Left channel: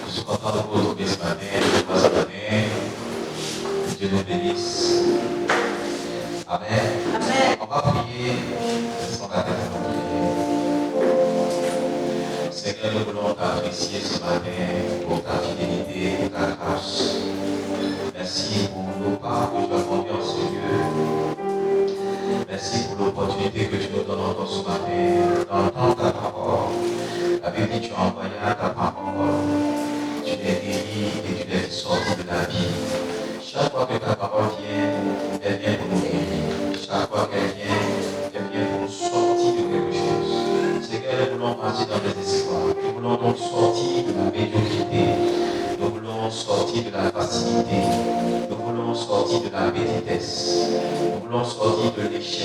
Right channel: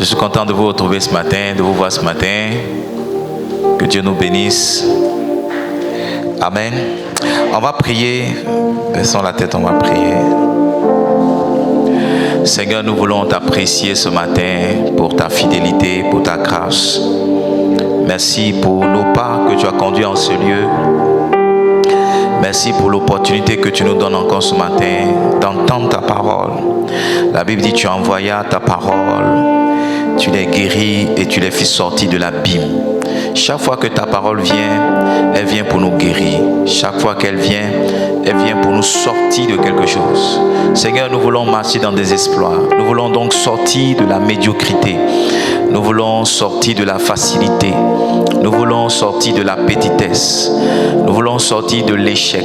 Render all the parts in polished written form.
Je suis content de vous retrouver ce matin, de vous voir ce matin. Que Dieu nous bénisse. Amen. On va prier. Baissons la tête, on va prier. Seigneur, nous voulons t'apprécier ce matin pour ta fidélité, pour ta grâce. Merci pour nos pas que tu as conduits en ce lieu. Merci pour l'opportunité que tu nous donnes encore ce matin d'entendre ta parole. La Bible dit, tu envoyas ta parole, tu les guéris et tu les fais sortir de l'abîme. Chaque fois que ta parole vient, elle vient pour nous guérir. Chaque fois qu'elle vient, elle vient pour nous sortir de quelque chose. Seigneur, nous voulons marcher dans des exploits. Nous voulons donc sortir de la médiocrité. Nous voulons sortir de la facilité. Nous voulons sortir de la petitesse. Nous voulons sortir de l'échec.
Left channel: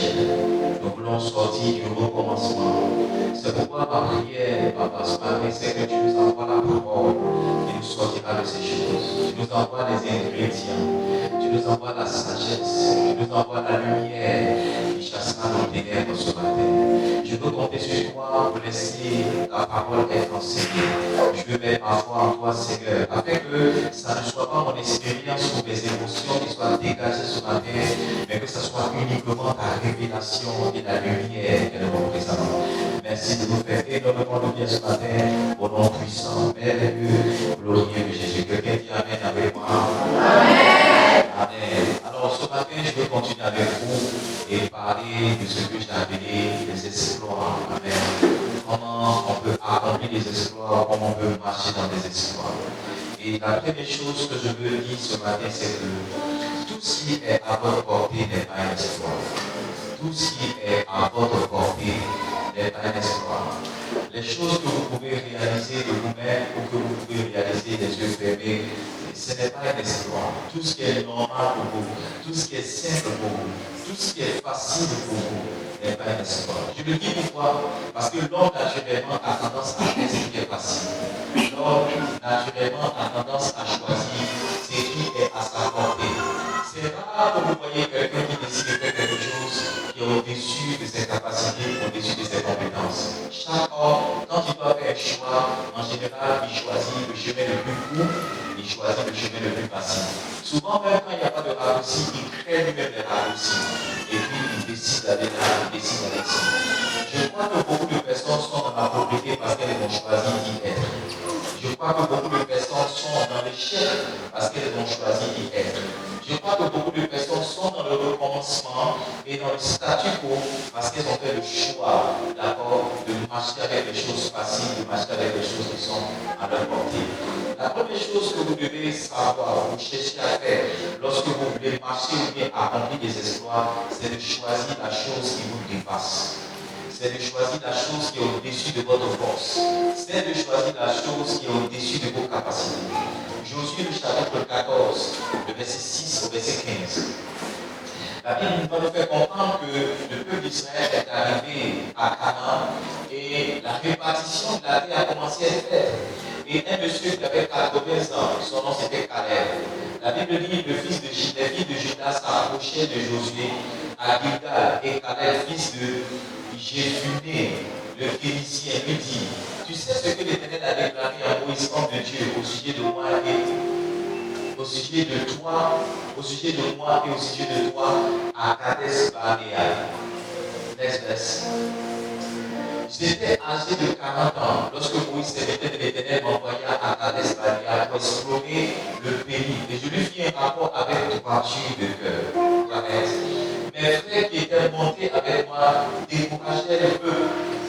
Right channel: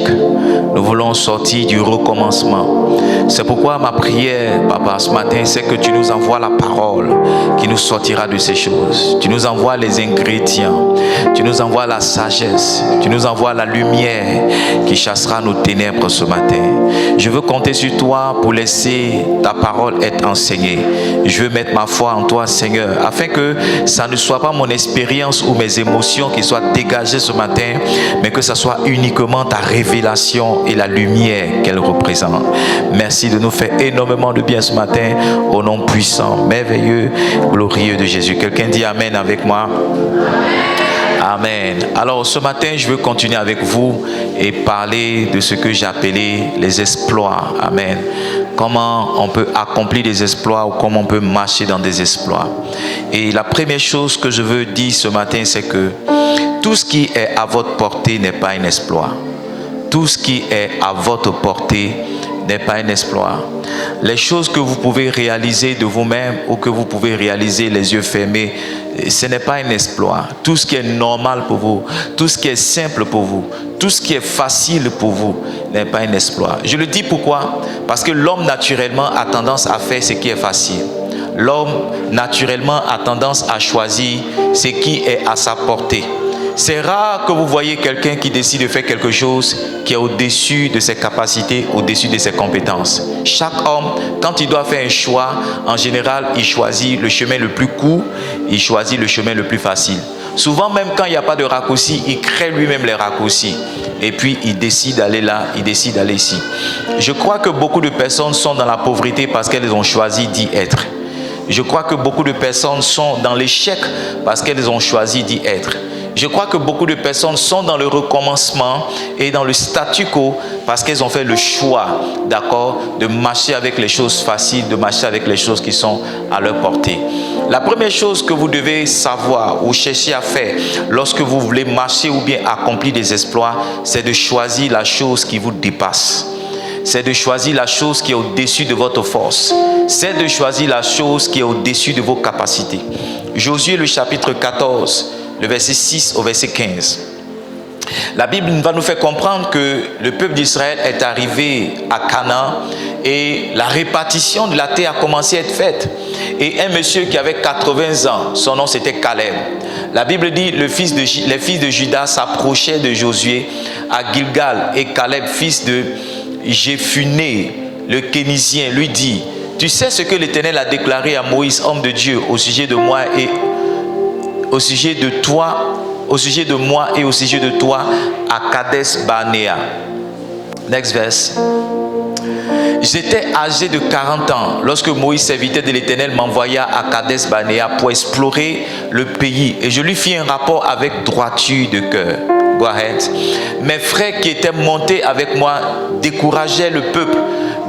Nous voulons sortir du recommencement. C'est pourquoi ma prière, Papa, ce matin, c'est que tu nous envoies la parole qui nous sortira de ces choses. Tu nous envoies les ingrédients. Tu nous envoies la sagesse. Tu nous envoies la lumière qui chassera nos ténèbres ce matin. Je veux compter sur toi pour laisser ta parole être enseignée. Je veux mettre ma foi en toi, Seigneur, afin que ça ne soit pas mon expérience ou mes émotions qui soient dégagées ce matin, mais que ça soit uniquement ta révélation et la lumière qu'elle représente. Merci de nous faire énormément de bien ce matin, au nom puissant, merveilleux, glorieux de Jésus. Quelqu'un dit Amen avec moi? Amen. Alors ce matin, je veux continuer avec vous et parler de ce que j'ai appelé les exploits. Amen. Comment on peut accomplir des exploits ou comment on peut marcher dans des exploits. Et la première chose que je veux dire ce matin, c'est que tout ce qui est à votre portée n'est pas un exploit. Tout ce qui est à votre portée n'est pas un exploit. Les choses que vous pouvez réaliser de vous-même ou que vous pouvez réaliser les yeux fermés, ce n'est pas un exploit. Tout ce qui est normal pour vous, tout ce qui est simple pour vous, tout ce qui est facile pour vous n'est pas un exploit. Je le dis pourquoi? Parce que l'homme naturellement a tendance à faire ce qui est facile. L'homme naturellement a tendance à choisir ce qui est à sa portée. C'est rare que vous voyez quelqu'un qui décide de faire quelque chose qui est au-dessus de ses capacités, au-dessus de ses compétences. Chaque homme, quand il doit faire un choix, en général, il choisit le chemin le plus court, il choisit le chemin le plus facile. Souvent, même quand il n'y a pas de raccourci, il crée lui-même les raccourcis. Et puis, il décide d'aller là, il décide d'aller ici. Je crois que beaucoup de personnes sont dans la pauvreté parce qu'elles ont choisi d'y être. Je crois que beaucoup de personnes sont dans l'échec parce qu'elles ont choisi d'y être. Je crois que beaucoup de personnes sont dans le recommencement et dans le statu quo parce qu'elles ont fait le choix, d'accord, de marcher avec les choses faciles, de marcher avec les choses qui sont à leur portée. La première chose que vous devez savoir ou chercher à faire lorsque vous voulez marcher ou bien accomplir des exploits, c'est de choisir la chose qui vous dépasse. C'est de choisir la chose qui est au-dessus de votre force. C'est de choisir la chose qui est au-dessus de vos capacités. Josué, le chapitre 14, le verset 6 au verset 15. La Bible va nous faire comprendre que le peuple d'Israël est arrivé à Canaan et la répartition de la terre a commencé à être faite. Et un monsieur qui avait 80 ans, son nom c'était Caleb. La Bible dit les fils de Juda s'approchaient de Josué à Gilgal et Caleb, fils de Jéphuné, le Kénisien, lui dit: tu sais ce que l'Éternel a déclaré à Moïse, homme de Dieu, au sujet de moi et au sujet de toi, au sujet de moi et au sujet de toi à Kadesh Barnéa. Next verse. J'étais âgé de 40 ans lorsque Moïse, serviteur de l'Éternel, m'envoya à Kadesh Barnéa pour explorer le pays et je lui fis un rapport avec droiture de cœur. Go ahead. Mes frères qui étaient montés avec moi décourageaient le peuple,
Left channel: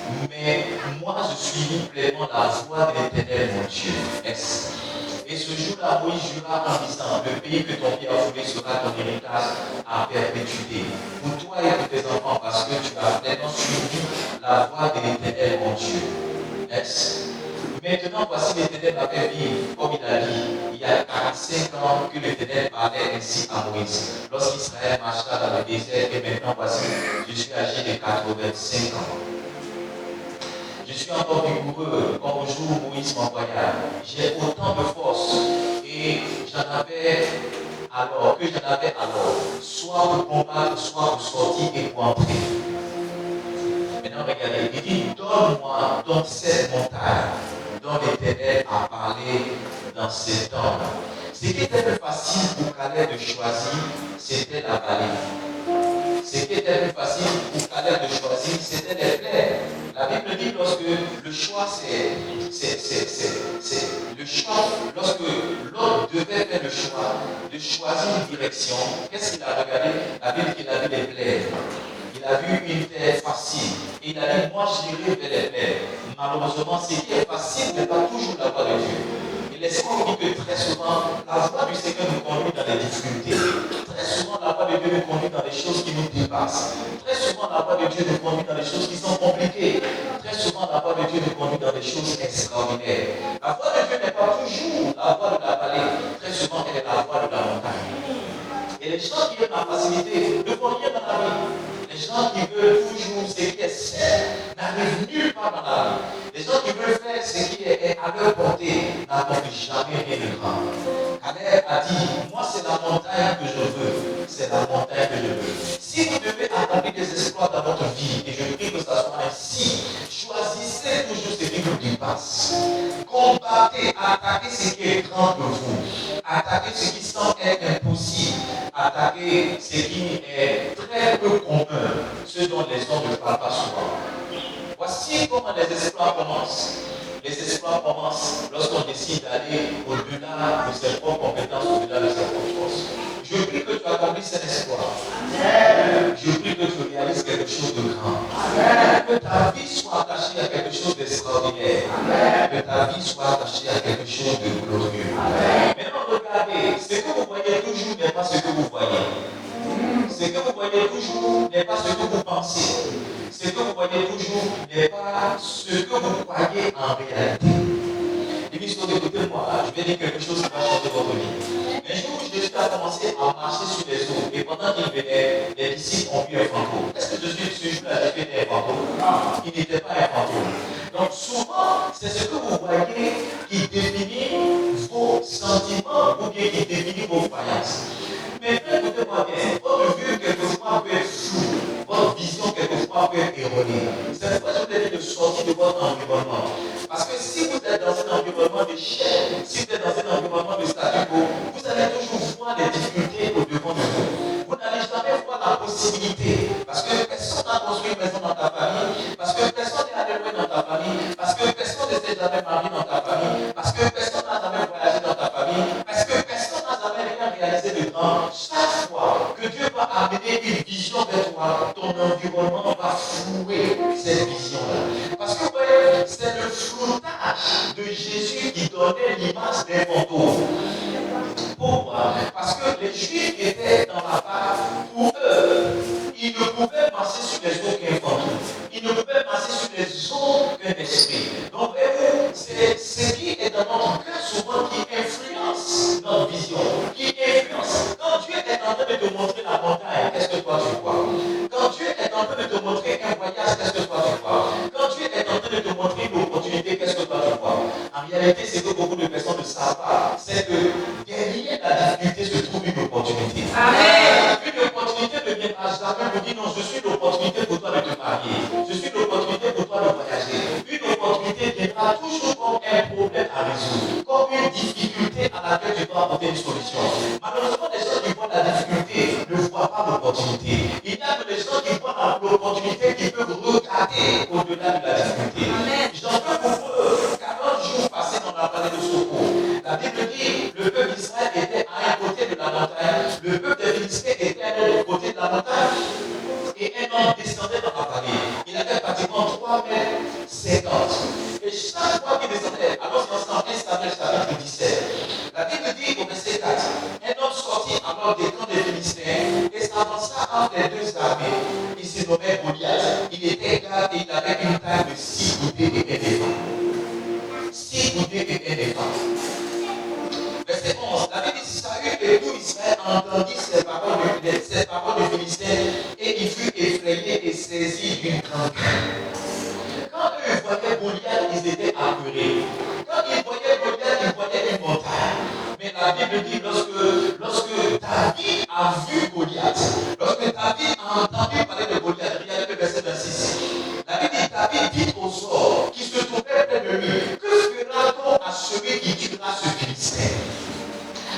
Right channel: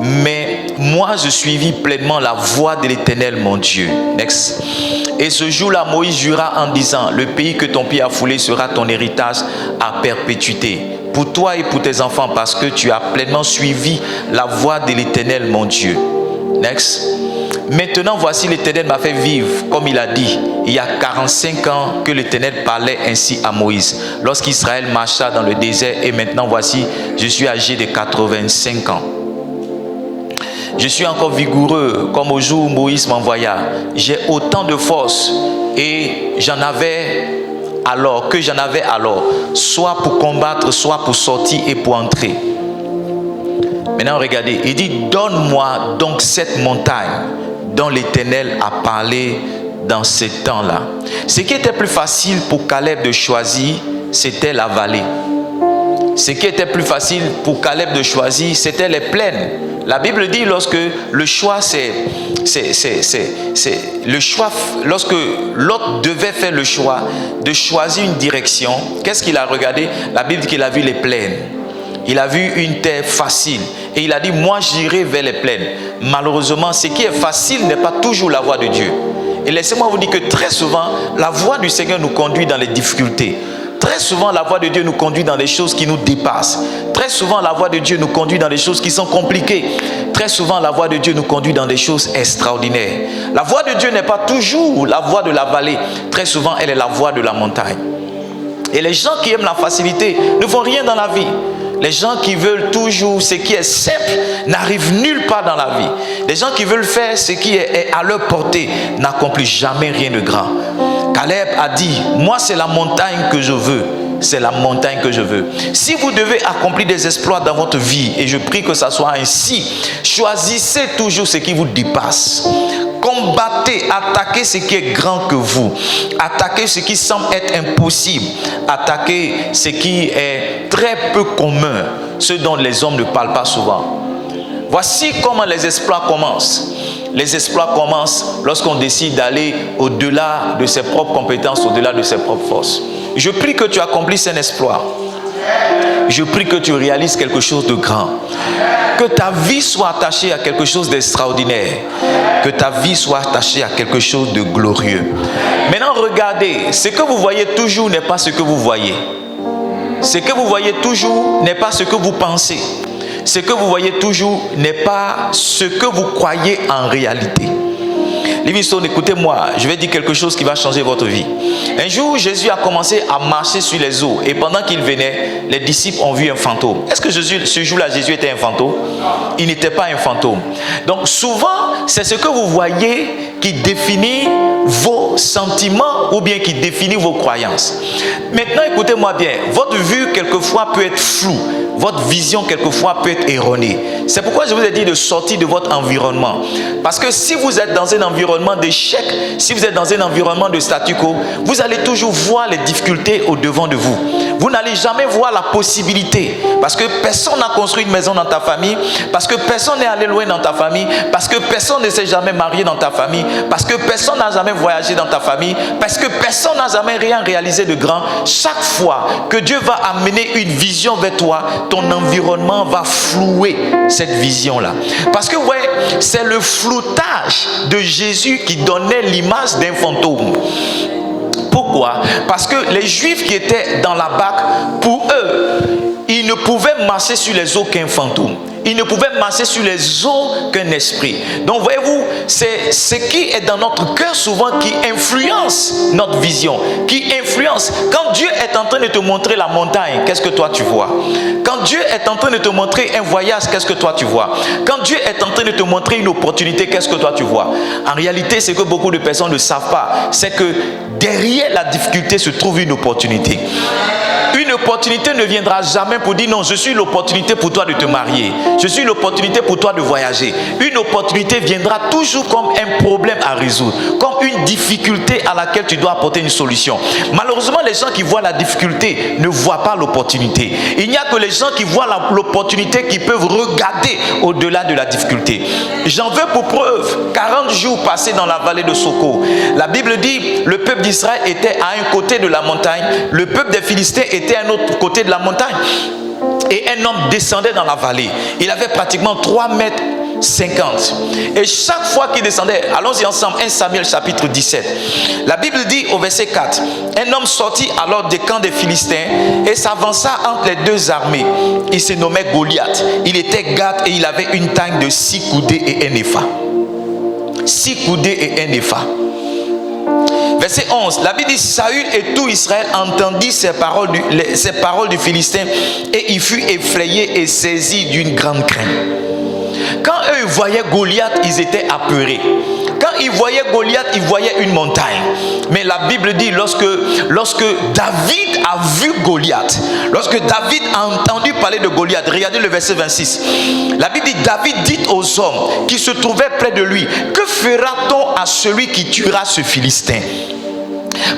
mais moi je suivis pleinement la voie de l'Éternel mon Dieu. Next. Et ce jour-là, Moïse jura en disant: le pays que ton pied a foulé sera ton héritage à perpétuité, pour toi et pour tes enfants, parce que tu as pleinement suivi la voie de l'Éternel mon Dieu. Next. Maintenant, voici l'Éternel m'a fait vivre, comme il a dit, il y a 45 ans que l'Éternel parlait ainsi à Moïse, lorsqu'Israël marcha dans le désert, et maintenant, voici, je suis âgé de 85 ans. Je suis encore vigoureux comme au jour où Moïse m'envoya. J'ai autant de force et j'en avais alors, soit pour combattre, soit pour sortir et pour entrer. Maintenant, regardez, il dit: donne-moi donc cette montagne dont l'Éternel a parlé dans ces temps-là. Ce qui était plus facile pour Caleb de choisir, c'était la vallée. Ce qui était plus facile pour Caleb de choisir, c'était les plaines. La Bible dit lorsque le choix, lorsque l'autre devait faire le choix de choisir une direction, qu'est-ce qu'il a regardé? La Bible dit qu'il a vu les plaines. Il a vu une terre facile et il a dit, moi j'irai vers les plaines. Malheureusement, ce qui est facile n'est pas toujours la voie de Dieu. Et laissez-moi vous dire que très souvent, la voie du Seigneur nous conduit dans les difficultés. Très souvent, la voie de Dieu nous conduit dans des choses qui nous dépassent. Très souvent, la voie de Dieu nous conduit dans des choses qui sont compliquées. Très souvent, la voie de Dieu nous conduit dans des choses extraordinaires. La voie de Dieu n'est pas toujours la voie de la vallée. Très souvent, elle est la voie de la montagne. Et les gens qui aiment la facilité ne font rien dans la vie. Les gens qui veulent toujours ce qui est simple n'arrivent nulle part dans la vie. Les gens qui veulent faire ce qui est à leur portée n'accomplissent jamais rien de grand. Caleb a dit, moi c'est la montagne que je veux. C'est la montagne que je veux. Si vous devez accomplir des exploits dans votre vie, et je prie que ça soit ainsi, choisissez toujours ce qui vous dépasse. Combattez, attaquez ce qui est grand que vous. Attaquez ce qui semble être impossible. Attaquez ce qui est très peu commun, ce dont les hommes ne parlent pas souvent. Voici comment les exploits commencent. Les exploits commencent lorsqu'on décide d'aller au-delà de ses propres compétences, au-delà de ses propres forces. Je prie que tu accomplisses un exploit. Je prie que tu réalises quelque chose de grand. Que ta vie soit attachée à quelque chose d'extraordinaire. Que ta vie soit attachée à quelque chose de glorieux. Maintenant, regardez, ce que vous voyez toujours n'est pas ce que vous voyez. Ce que vous voyez toujours n'est pas ce que vous pensez. Ce que vous voyez toujours n'est pas ce que vous croyez en réalité. Livingstone, écoutez-moi, je vais dire quelque chose qui va changer votre vie. Un jour, Jésus a commencé à marcher sur les eaux et pendant qu'il venait, les disciples ont vu un fantôme. Est-ce que ce jour-là, Jésus était un fantôme? Il n'était pas un fantôme. Donc souvent, c'est ce que vous voyez qui définit vos sentiments ou bien qui définit vos croyances. Maintenant, écoutez-moi bien, votre vue quelquefois peut être floue, votre vision quelquefois peut être erronée. C'est pourquoi je vous ai dit de sortir de votre environnement. Parce que si vous êtes dans un environnement d'échec, si vous êtes dans un environnement de statu quo, vous allez toujours voir les difficultés au-devant de vous. Vous n'allez jamais voir la possibilité. Parce que personne n'a construit une maison dans ta famille, parce que personne n'est allé loin dans ta famille, parce que personne ne s'est jamais marié dans ta famille, parce que personne n'a jamais voyagé dans ta famille, parce que personne n'a jamais rien réalisé de grand. Chaque fois que Dieu va amener une vision vers toi, ton environnement va flouer cette vision-là. Parce que, ouais, c'est le floutage de Jésus qui donnait l'image d'un fantôme. Pourquoi? Parce que les Juifs qui étaient dans la barque, pour eux, ils ne pouvaient marcher sur les eaux qu'un fantôme. Ils ne pouvaient marcher sur les eaux qu'un esprit. Donc voyez-vous, c'est ce qui est dans notre cœur souvent qui influence notre vision, qui influence. Quand Dieu est en train de te montrer la montagne, qu'est-ce que toi tu vois? Quand Dieu est en train de te montrer un voyage, qu'est-ce que toi tu vois? Quand Dieu est en train de te montrer une opportunité, qu'est-ce que toi tu vois? En réalité, ce que beaucoup de personnes ne savent pas, c'est que derrière la difficulté se trouve une opportunité. Une opportunité ne viendra jamais pour dire non, je suis l'opportunité pour toi de te marier. Je suis l'opportunité pour toi de voyager. Une opportunité viendra toujours comme un problème à résoudre, comme une difficulté à laquelle tu dois apporter une solution. Malheureusement, les gens qui voient la difficulté ne voient pas l'opportunité. Il n'y a que les gens qui voient l'opportunité qui peuvent regarder au-delà de la difficulté. J'en veux pour preuve 40 jours passés dans la vallée de Soko. La Bible dit le peuple d'Israël était à un côté de la montagne, le peuple des Philistins était à un autre côté de la montagne. Et un homme descendait dans la vallée. Il avait pratiquement 3,50 mètres. Et chaque fois qu'il descendait, allons-y ensemble, 1 Samuel chapitre 17. La Bible dit au verset 4, un homme sortit alors des camps des Philistins et s'avança entre les deux armées. Il se nommait Goliath. Il était Gath et il avait une taille de 6 coudées et un épha. 6 coudées et un épha. Verset 11, la Bible dit, Saül et tout Israël entendit ces paroles du Philistin et il fut effrayé et saisi d'une grande crainte. Quand eux voyaient Goliath, ils étaient apeurés. Quand il voyait Goliath, il voyait une montagne. Mais la Bible dit, lorsque David a vu Goliath, lorsque David a entendu parler de Goliath, regardez le verset 26. La Bible dit, David dit aux hommes qui se trouvaient près de lui, que fera-t-on à celui qui tuera ce Philistin?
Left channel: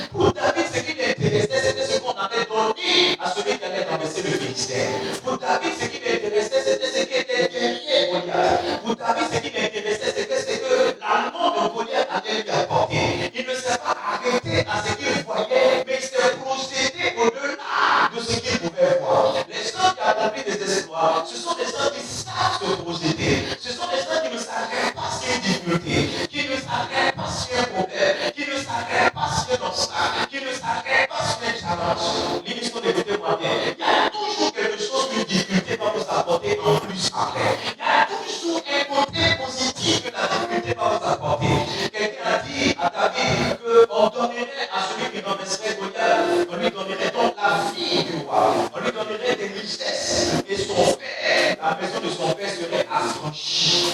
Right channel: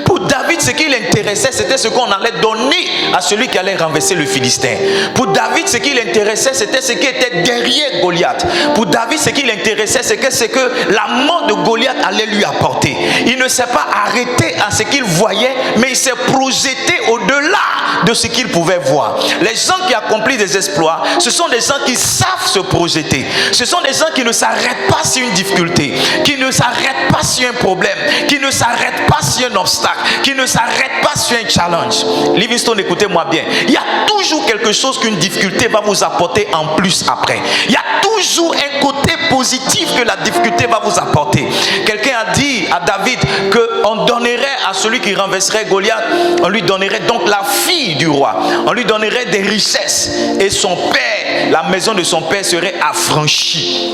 Pour David, ce qui l'intéressait, c'était ce qu'on allait donner à celui qui allait renverser le Philistin. Pour David, ce qui l'intéressait, c'était ce qui était derrière Goliath. Pour David, ce qui l'intéressait, c'est que la mort de Goliath allait lui apporter. Il ne s'est pas arrêté à ce qu'il voyait, mais il s'est projeté au-delà de ce qu'il pouvait voir. Les gens qui accomplissent des exploits, ce sont des gens qui savent se projeter. Ce sont des gens qui ne s'arrêtent pas sur une difficulté, qui ne s'arrêtent pas sur un problème, qui ne s'arrêtent pas sur un obstacle, qui ne s'arrête pas sur un challenge. Livingstone, écoutez-moi bien. Il y a toujours quelque chose qu'une difficulté va vous apporter en plus après. Il y a toujours un côté positif que la difficulté va vous apporter. Quelqu'un a dit à David qu'on donnerait à celui qui renverserait Goliath, on lui donnerait donc la fille du roi. On lui donnerait des richesses. Et son père, la maison de son père serait affranchie.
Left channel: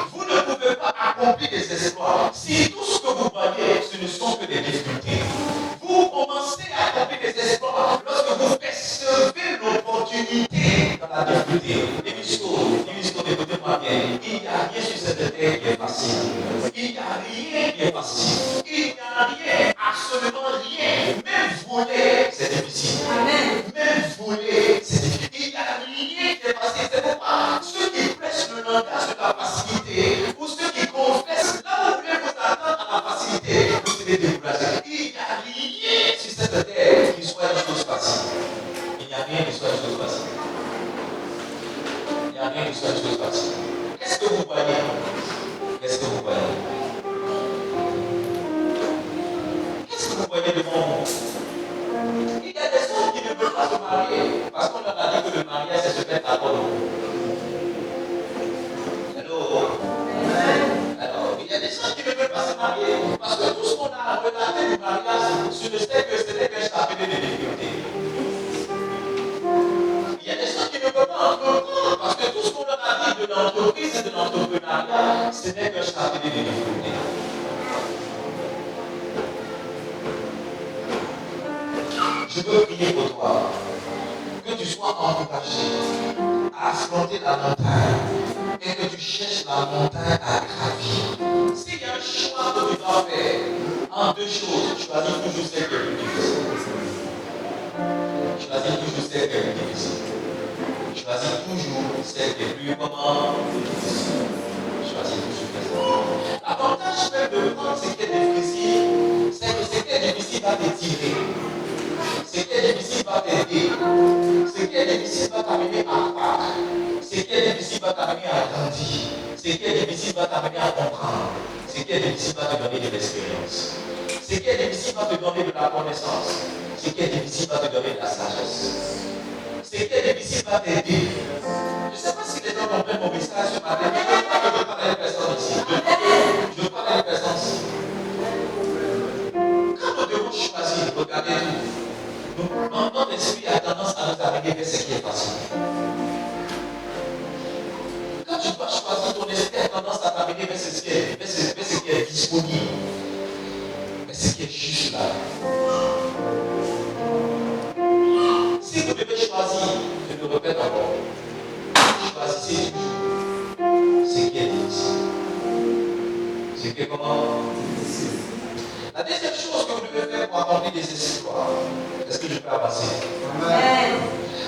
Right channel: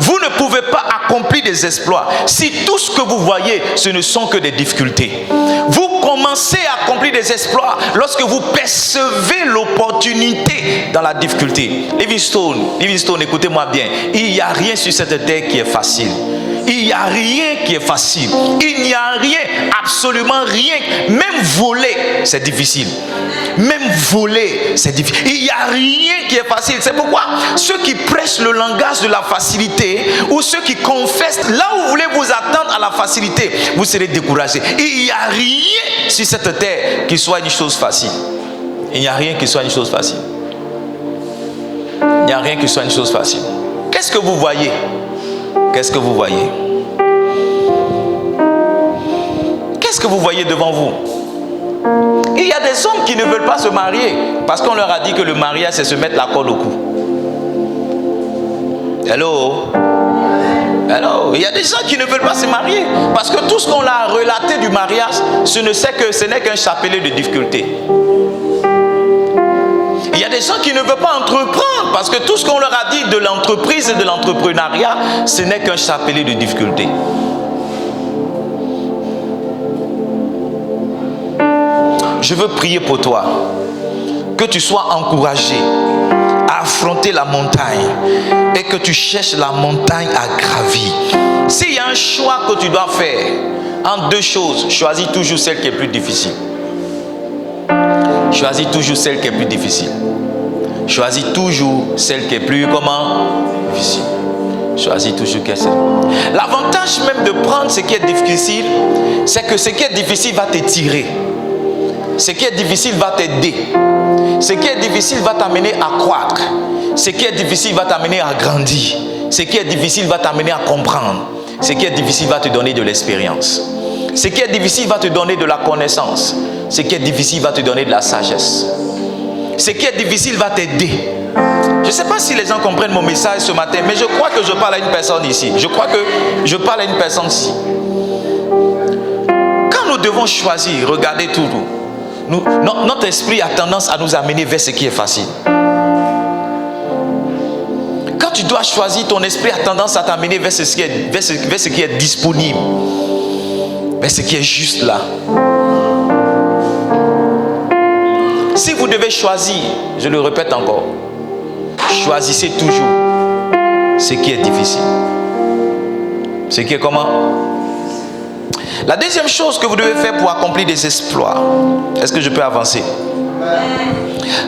Vous ne pouvez pas accomplir des exploits si tout ce que vous voyez, ce ne sont que des difficultés. Vous commencez à accomplir des exploits lorsque vous percevez l'opportunité dans la difficulté. Livingstone, écoutez-moi bien. Il n'y a rien sur cette terre qui est facile. Il n'y a rien qui est facile. Il n'y a rien, absolument rien. Même voler, c'est difficile. Même voler, c'est difficile. Il n'y a rien qui est facile. C'est pourquoi ceux qui prêchent le langage de la facilité, ou ceux qui confessent là où vous voulez vous attendre à la facilité, vous serez découragés. Il n'y a rien sur cette terre qui soit une chose facile. Il n'y a rien qui soit une chose facile. Il n'y a rien qui soit une chose facile. Qu'est-ce que vous voyez? Qu'est-ce que vous voyez? Qu'est-ce que vous voyez devant vous? Il y a des hommes qui ne veulent pas se marier parce qu'on leur a dit que le mariage, c'est se mettre la corde au cou. Hello? Il y a des gens qui ne veulent pas se marier parce que tout ce qu'on a relaté du mariage, ce n'est qu'un chapelet de difficultés. Il y a des gens qui ne veulent pas entreprendre parce que tout ce qu'on leur a dit de l'entreprise et de l'entrepreneuriat, ce n'est qu'un chapelet de difficultés. Je veux prier pour toi, que tu sois encouragé à affronter la montagne et que tu cherches la montagne à gravir. S'il y a un choix que tu dois faire en deux choses, choisis toujours celle qui est plus difficile. Choisis toujours celle qui est plus difficile. Choisis toujours celle qui est plus difficile. Choisis toujours celle. L'avantage même de prendre ce qui est difficile, c'est que ce qui est difficile va t'étirer. Ce qui est difficile va t'aider. Ce qui est difficile va t'amener à croître. Ce qui est difficile va t'amener à grandir. Ce qui est difficile va t'amener à comprendre. Ce qui est difficile va te donner de l'expérience. Ce qui est difficile va te donner de la connaissance. Ce qui est difficile va te donner de la sagesse. Ce qui est difficile va t'aider. Je ne sais pas si les gens comprennent mon message ce matin, mais je crois que je parle à une personne ici. Je crois que je parle à une personne ici. Quand nous devons choisir, regardez tout. Notre esprit a tendance à nous amener vers ce qui est facile. Quand tu dois choisir, ton esprit a tendance à t'amener vers ce qui est disponible, vers ce qui est juste là. Si vous devez choisir, je le répète encore, choisissez toujours ce qui est difficile. Ce qui est comment? La deuxième chose que vous devez faire pour accomplir des exploits, est-ce que je peux avancer?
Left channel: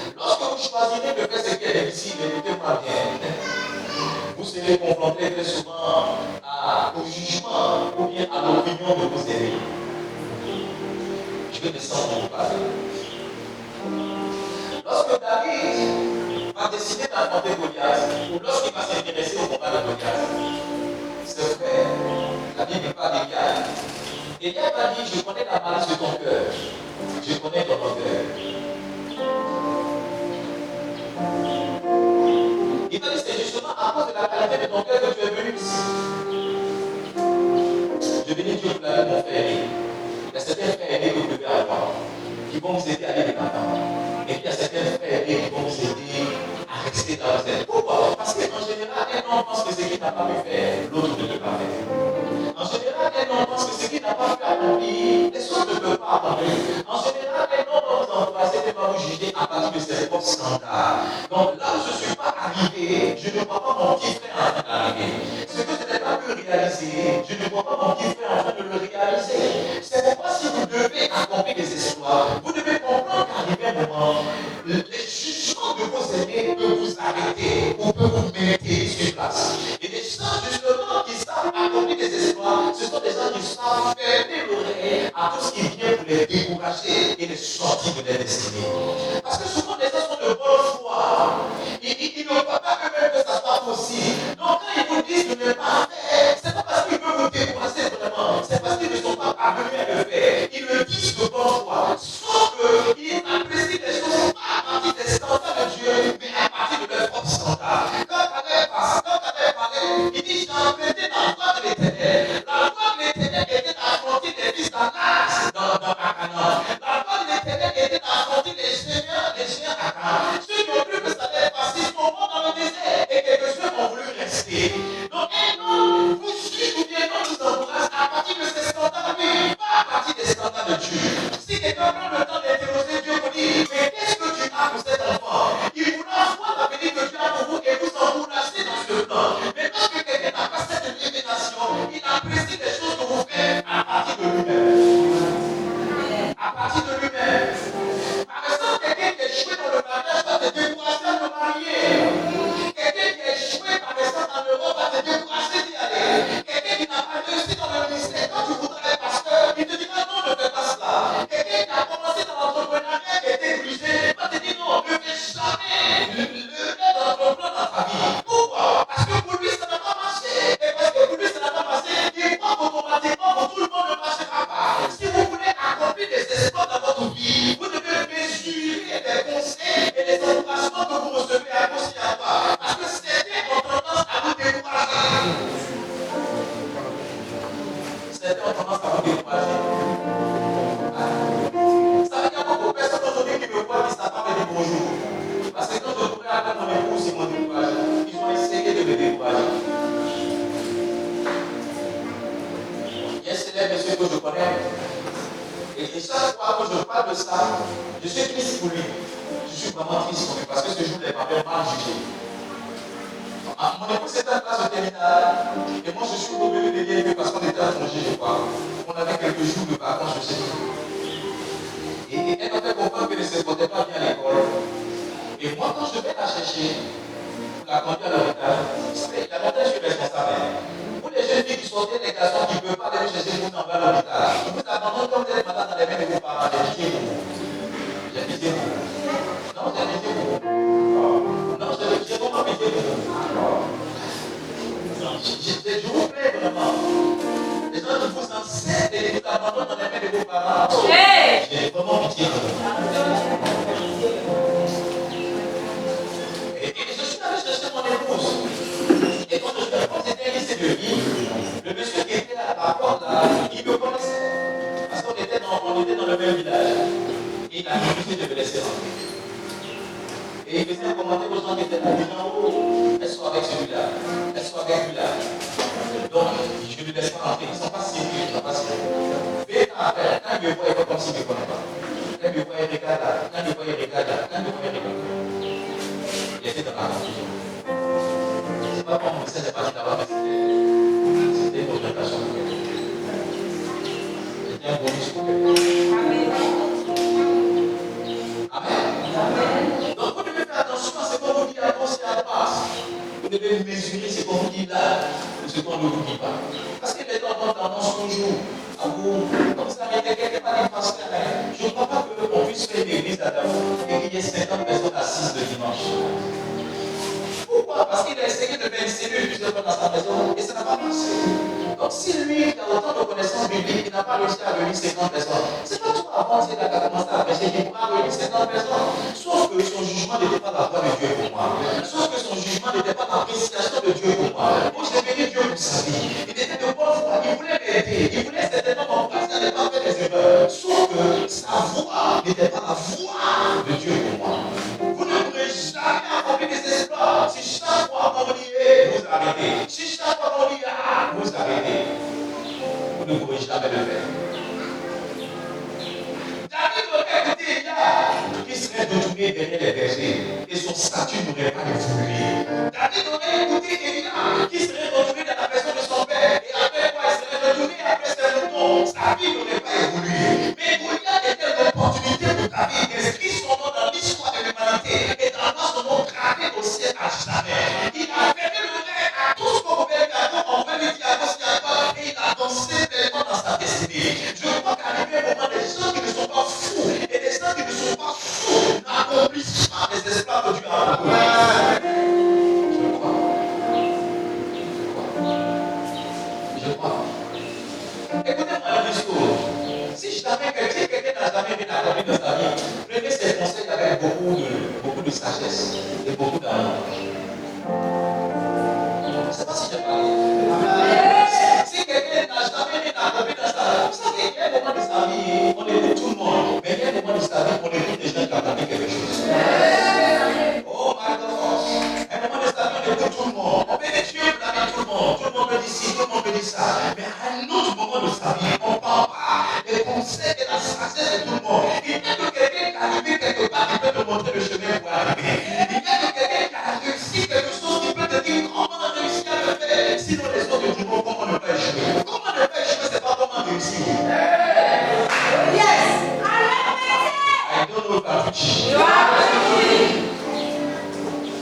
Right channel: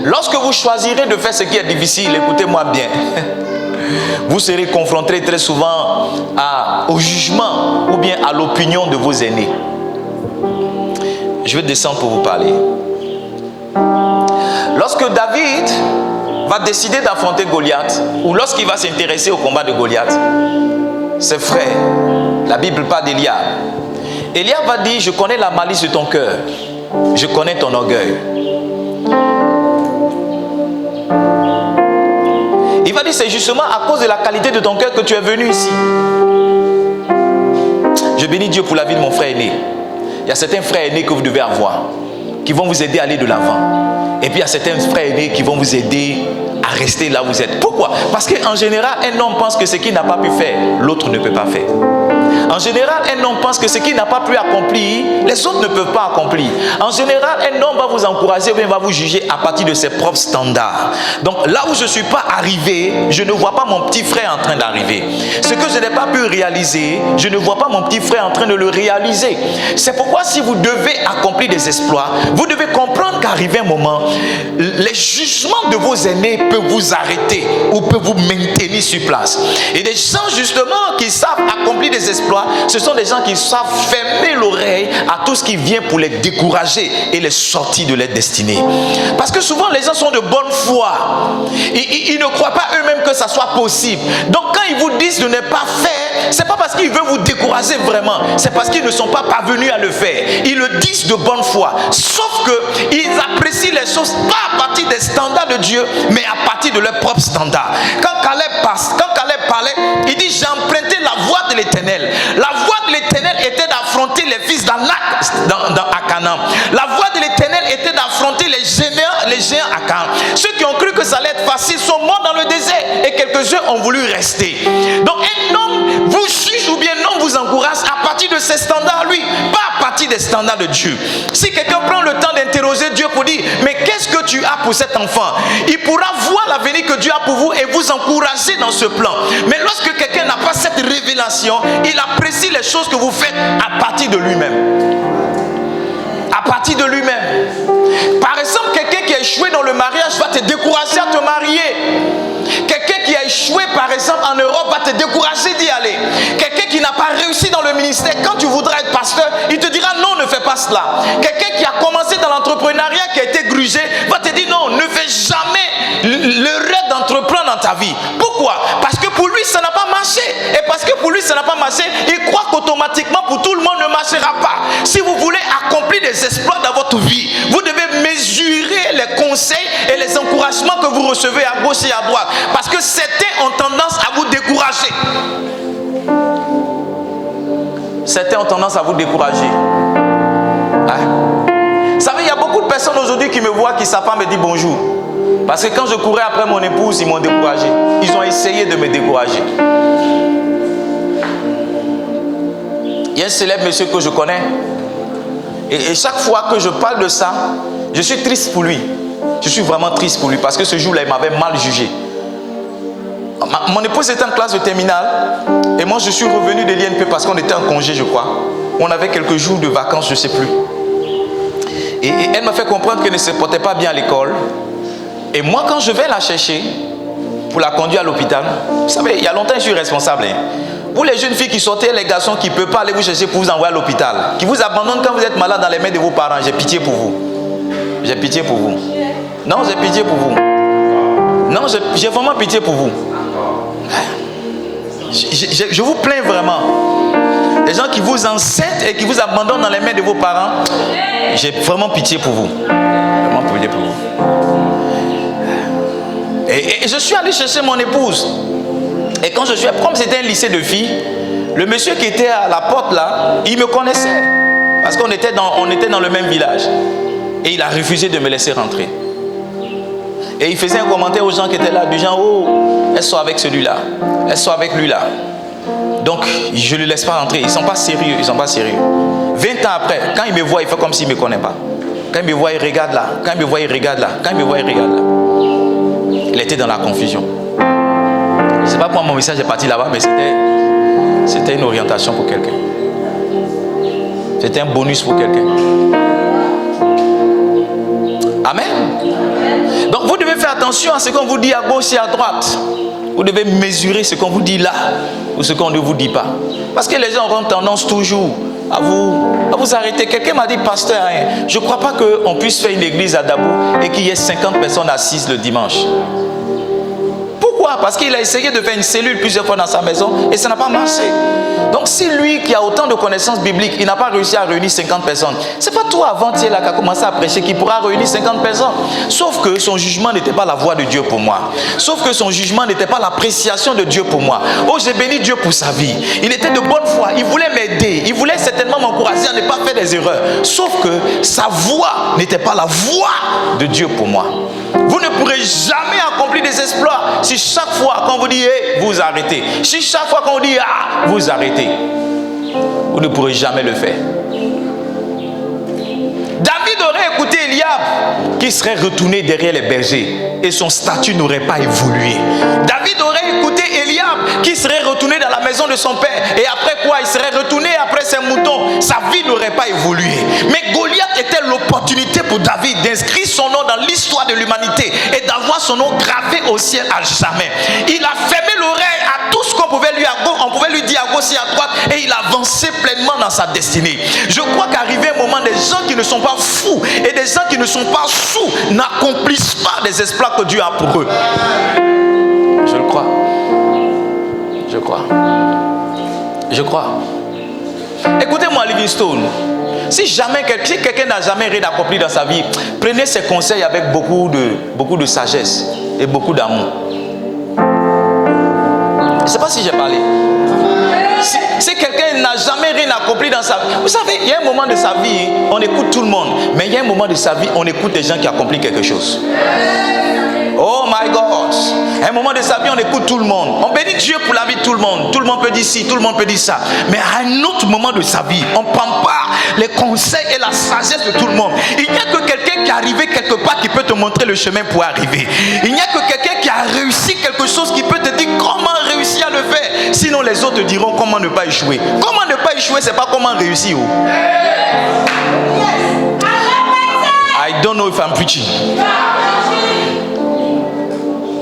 Lorsque vous choisirez de faire ce qui est difficile, écoutez-moi bien, vous serez confronté très souvent au jugement ou bien à l'opinion de vos aînés. Je vais descendre pour vous parler. Lorsque David va décider d'affronter Goliath, ou lorsqu'il va s'intéresser au combat de Goliath, ses frères, la Bible parle d'Éliab. Éliab va dire, je connais la malice de ton cœur, je connais ton orgueil. Il va dire, c'est justement à cause de la qualité de ton cœur que tu es venu ici. Je bénis Dieu pour la vie de mon frère aîné. Il y a certains frères aînés que vous devez avoir, qui vont vous aider à aller de l'avant. Et puis il y a certains frères aînés qui vont vous aider à rester là où vous êtes. Pourquoi? Parce qu'en général, un homme pense que ce qu'il n'a pas pu faire, l'autre ne peut pas faire. En général, un homme pense que ce qu'il n'a pas pu accomplir, les autres ne peuvent pas accomplir. En général, un homme va vous encourager ou bien va vous juger à partir de ses propres standards. Donc là où je ne suis pas arrivé, je ne vois pas mon petit frère en train d'arriver. Ce que je n'ai pas pu réaliser, je ne vois pas mon petit frère en train de le réaliser. C'est pourquoi si vous devez accomplir des exploits, vous devez comprendre qu'arrivé un moment, les jugements de vos aînés peuvent vous arrêter ou peuvent vous maintenir sur place. Et des gens justement qui savent accomplir des exploits, ce sont des gens qui savent fermer l'oreille à tout ce qui vient pour les décourager et les sortir de leur destinée. Parce que souvent les gens sont de bonne foi. Ils ne croient pas eux-mêmes que ça soit possible. Donc quand ils vous disent de ne pas faire, c'est pas parce qu'ils veulent vous décourager vraiment, c'est parce qu'ils ne sont pas parvenus à le faire. Ils le disent de bonne foi. Sauf qu'ils apprécient les choses pas à partir des standards de Dieu, mais à partir de leurs propres standards. Quand Caleb parlait, il dit: j'ai emprunté la voie de l'Éternel. La voie de l'Éternel était d'affronter les fils d'Anak à Canaan. La voie de l'Éternel était d'affronter les géants à Canaan. Ceux qui ont cru que ça allait être facile sont morts dans le désert et quelques-uns ont voulu rester. Donc un homme vous juge ou bien non vous encourage à partir de ses standards lui, pas à partir des standards de Dieu. Si quelqu'un prend le temps d'interroger Dieu pour dire: mais qu'est-ce que tu as pour cet enfant? Il pourra voir l'avenir que Dieu a pour vous et vous encourager dans ce plan. Mais lorsque quelqu'un n'a pas cette révélation, il apprécie les choses que vous faites à partir de lui-même. À partir de lui-même. Par exemple, quelqu'un qui a échoué dans le mariage va te décourager à te marier. Quelqu'un qui a échoué par exemple en Europe va te décourager d'y aller. Quelqu'un qui n'a pas réussi dans le ministère, quand tu voudras être pasteur, il te dira: non, ne fais pas cela. Quelqu'un qui a commencé dans l'entrepreneuriat, qui a été grugé, va te dire: non, ne fais jamais le rêve d'entreprendre dans ta vie. Pourquoi? Parce que pour lui ça n'a pas marché. Et parce que pour lui ça n'a pas marché, il croit qu'automatiquement pour tout le monde ne marchera pas. Si vous voulez accomplir des exploits dans votre vie, vous devez mesurer les conseils et les encouragements que vous recevez à gauche et à droite. Parce que certains ont tendance à vous décourager. Certains ont tendance à vous décourager. Vous savez, il y a beaucoup de personnes aujourd'hui qui me voient, qui ne savent pas me dire bonjour. Parce que quand je courais après mon épouse, ils m'ont découragé. Ils ont essayé de me décourager. Il y a un célèbre monsieur que je connais. Et chaque fois que je parle de ça, je suis triste pour lui. Je suis vraiment triste pour lui parce que ce jour-là, il m'avait mal jugé. Mon épouse était en classe de terminale et moi je suis revenu de l'INP parce qu'on était en congé, je crois. On avait quelques jours de vacances, je ne sais plus. Et elle m'a fait comprendre qu'elle ne se portait pas bien à l'école. Et moi, quand je vais la chercher pour la conduire à l'hôpital, vous savez, il y a longtemps je suis responsable. Pour les jeunes filles qui sortaient, les garçons qui ne peuvent pas aller vous chercher pour vous envoyer à l'hôpital, qui vous abandonnent quand vous êtes malade dans les mains de vos parents, j'ai pitié pour vous. J'ai pitié pour vous. Non, j'ai pitié pour vous. Non, j'ai vraiment pitié pour vous. Je vous plains vraiment. Les gens qui vous enceintent et qui vous abandonnent dans les mains de vos parents, j'ai vraiment pitié pour vous. Vraiment pitié pour vous. Et je suis allé chercher mon épouse. Et quand je suis, comme c'était un lycée de filles, le monsieur qui était à la porte là, il me connaissait. Parce qu'on était dans le même village. Et il a refusé de me laisser rentrer. Et il faisait un commentaire aux gens qui étaient là, du genre: oh, elle sort avec celui-là, elle sort avec lui là. Donc, je ne le laisse pas rentrer. Ils ne sont pas sérieux, ils sont pas sérieux. 20 ans après, quand il me voit, il fait comme s'il ne me connaît pas. Quand il me voit, il regarde là. Quand il me voit, il regarde là. Quand il me voit, il regarde là. Il était dans la confusion. Je ne sais pas pourquoi mon message est parti là-bas, mais c'était une orientation pour quelqu'un. C'était un bonus pour quelqu'un. Amen. Donc vous devez faire attention à ce qu'on vous dit à gauche et à droite. Vous devez mesurer ce qu'on vous dit là ou ce qu'on ne vous dit pas. Parce que les gens auront tendance toujours à vous arrêter. Quelqu'un m'a dit: pasteur, je ne crois pas qu'on puisse faire une église à Dabou et qu'il y ait 50 personnes assises le dimanche. Pourquoi? Parce qu'il a essayé de faire une cellule plusieurs fois dans sa maison et ça n'a pas marché. Donc si lui qui a autant de connaissances bibliques, il n'a pas réussi à réunir 50 personnes, c'est pas toi avant-hier là qui a commencé à prêcher qui pourra réunir 50 personnes. Sauf que son jugement n'était pas la voix de Dieu pour moi. Sauf que son jugement n'était pas l'appréciation de Dieu pour moi. Oh, j'ai béni Dieu pour sa vie. Il était de bonne foi, il voulait m'aider, il voulait certainement m'encourager à ne pas faire des erreurs. Sauf que sa voix n'était pas la voix de Dieu pour moi. Vous ne pourrez jamais accomplir des exploits si chaque fois qu'on vous dit hey, vous arrêtez. Si chaque fois qu'on vous dit ah, vous arrêtez. Vous ne pourrez jamais le faire. David aurait écouté Eliab qui serait retourné derrière les bergers et son statut n'aurait pas évolué. David aurait écouté Eliab qui serait retourné dans la maison de son père et après quoi il serait retourné après ses moutons. Sa vie n'aurait pas évolué. Mais Goliath était l'opportunité pour David d'inscrire son nom dans l'histoire de l'humanité et d'avoir son nom gravé au ciel à jamais. Il a fermé l'oreille à tout ce qu'on pouvait lui dire à gauche et à droite et il avançait pleinement dans sa destinée. Je crois qu'arrivé un moment, des gens qui ne sont pas fous et des gens qui ne sont pas sous n'accomplissent pas les exploits que Dieu a pour eux. Je le crois. Je crois. Je crois. Écoutez-moi, Livingstone. Si quelqu'un n'a jamais rien accompli dans sa vie, prenez ses conseils avec beaucoup de sagesse et beaucoup d'amour. Je ne sais pas si j'ai parlé. Si quelqu'un n'a jamais rien accompli dans sa vie, vous savez, il y a un moment de sa vie, on écoute tout le monde, mais il y a un moment de sa vie, on écoute des gens qui accomplissent quelque chose. Oh my God! À un moment de sa vie, on écoute tout le monde. On bénit Dieu pour la vie de tout le monde. Tout le monde peut dire ci, tout le monde peut dire ça. Mais à un autre moment de sa vie, on ne prend pas les conseils et la sagesse de tout le monde. Il n'y a que quelqu'un qui est arrivé quelque part qui peut te montrer le chemin pour arriver. Il n'y a que quelqu'un qui a réussi quelque chose qui peut te dire comment réussir à le faire. Sinon les autres te diront comment ne pas échouer. Comment ne pas échouer, c'est pas comment réussir. I don't know if I'm preaching.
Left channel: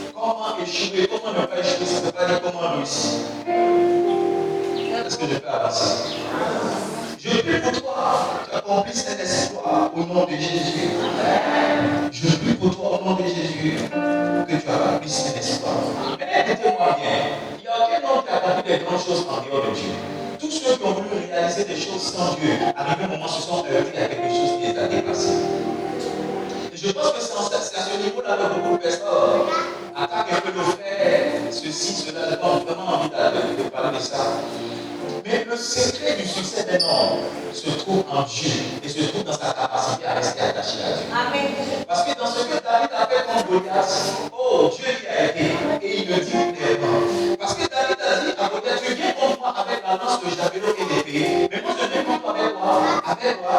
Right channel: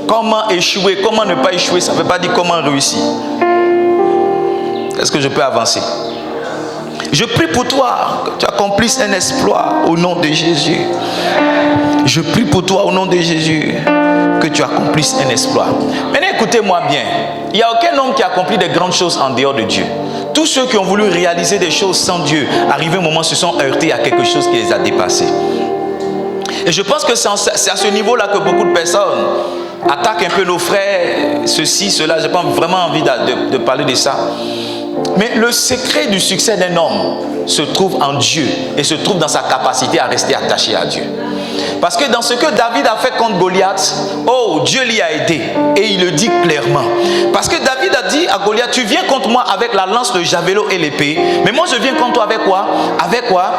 Comment échouer, comment ne pas échouer, ça ne veut pas dire comment réussir. Est-ce que je peux avancer? Je prie pour toi que tu accomplisses un exploit au nom de Jésus. Je prie pour toi au nom de Jésus que tu accomplisses un exploit. Maintenant écoutez-moi bien. Il n'y a aucun homme qui accomplit de grandes choses en dehors de Dieu. Tous ceux qui ont voulu réaliser des choses sans Dieu, arrivé un moment, se sont heurtés à quelque chose qui les a dépassés. Et je pense que c'est à ce niveau-là que beaucoup de personnes attaquent un peu nos frères, ceci, cela. Je n'ai pas vraiment envie de parler de ça. Mais le secret du succès d'un homme se trouve en Dieu et se trouve dans sa capacité à rester attaché à Dieu. Parce que dans ce que David a fait contre Goliath, oh, Dieu l'y a aidé et il le dit clairement. Parce que David a dit à Goliath, tu viens contre moi avec la lance, le javelot et l'épée, mais moi je viens contre toi avec quoi? Avec quoi?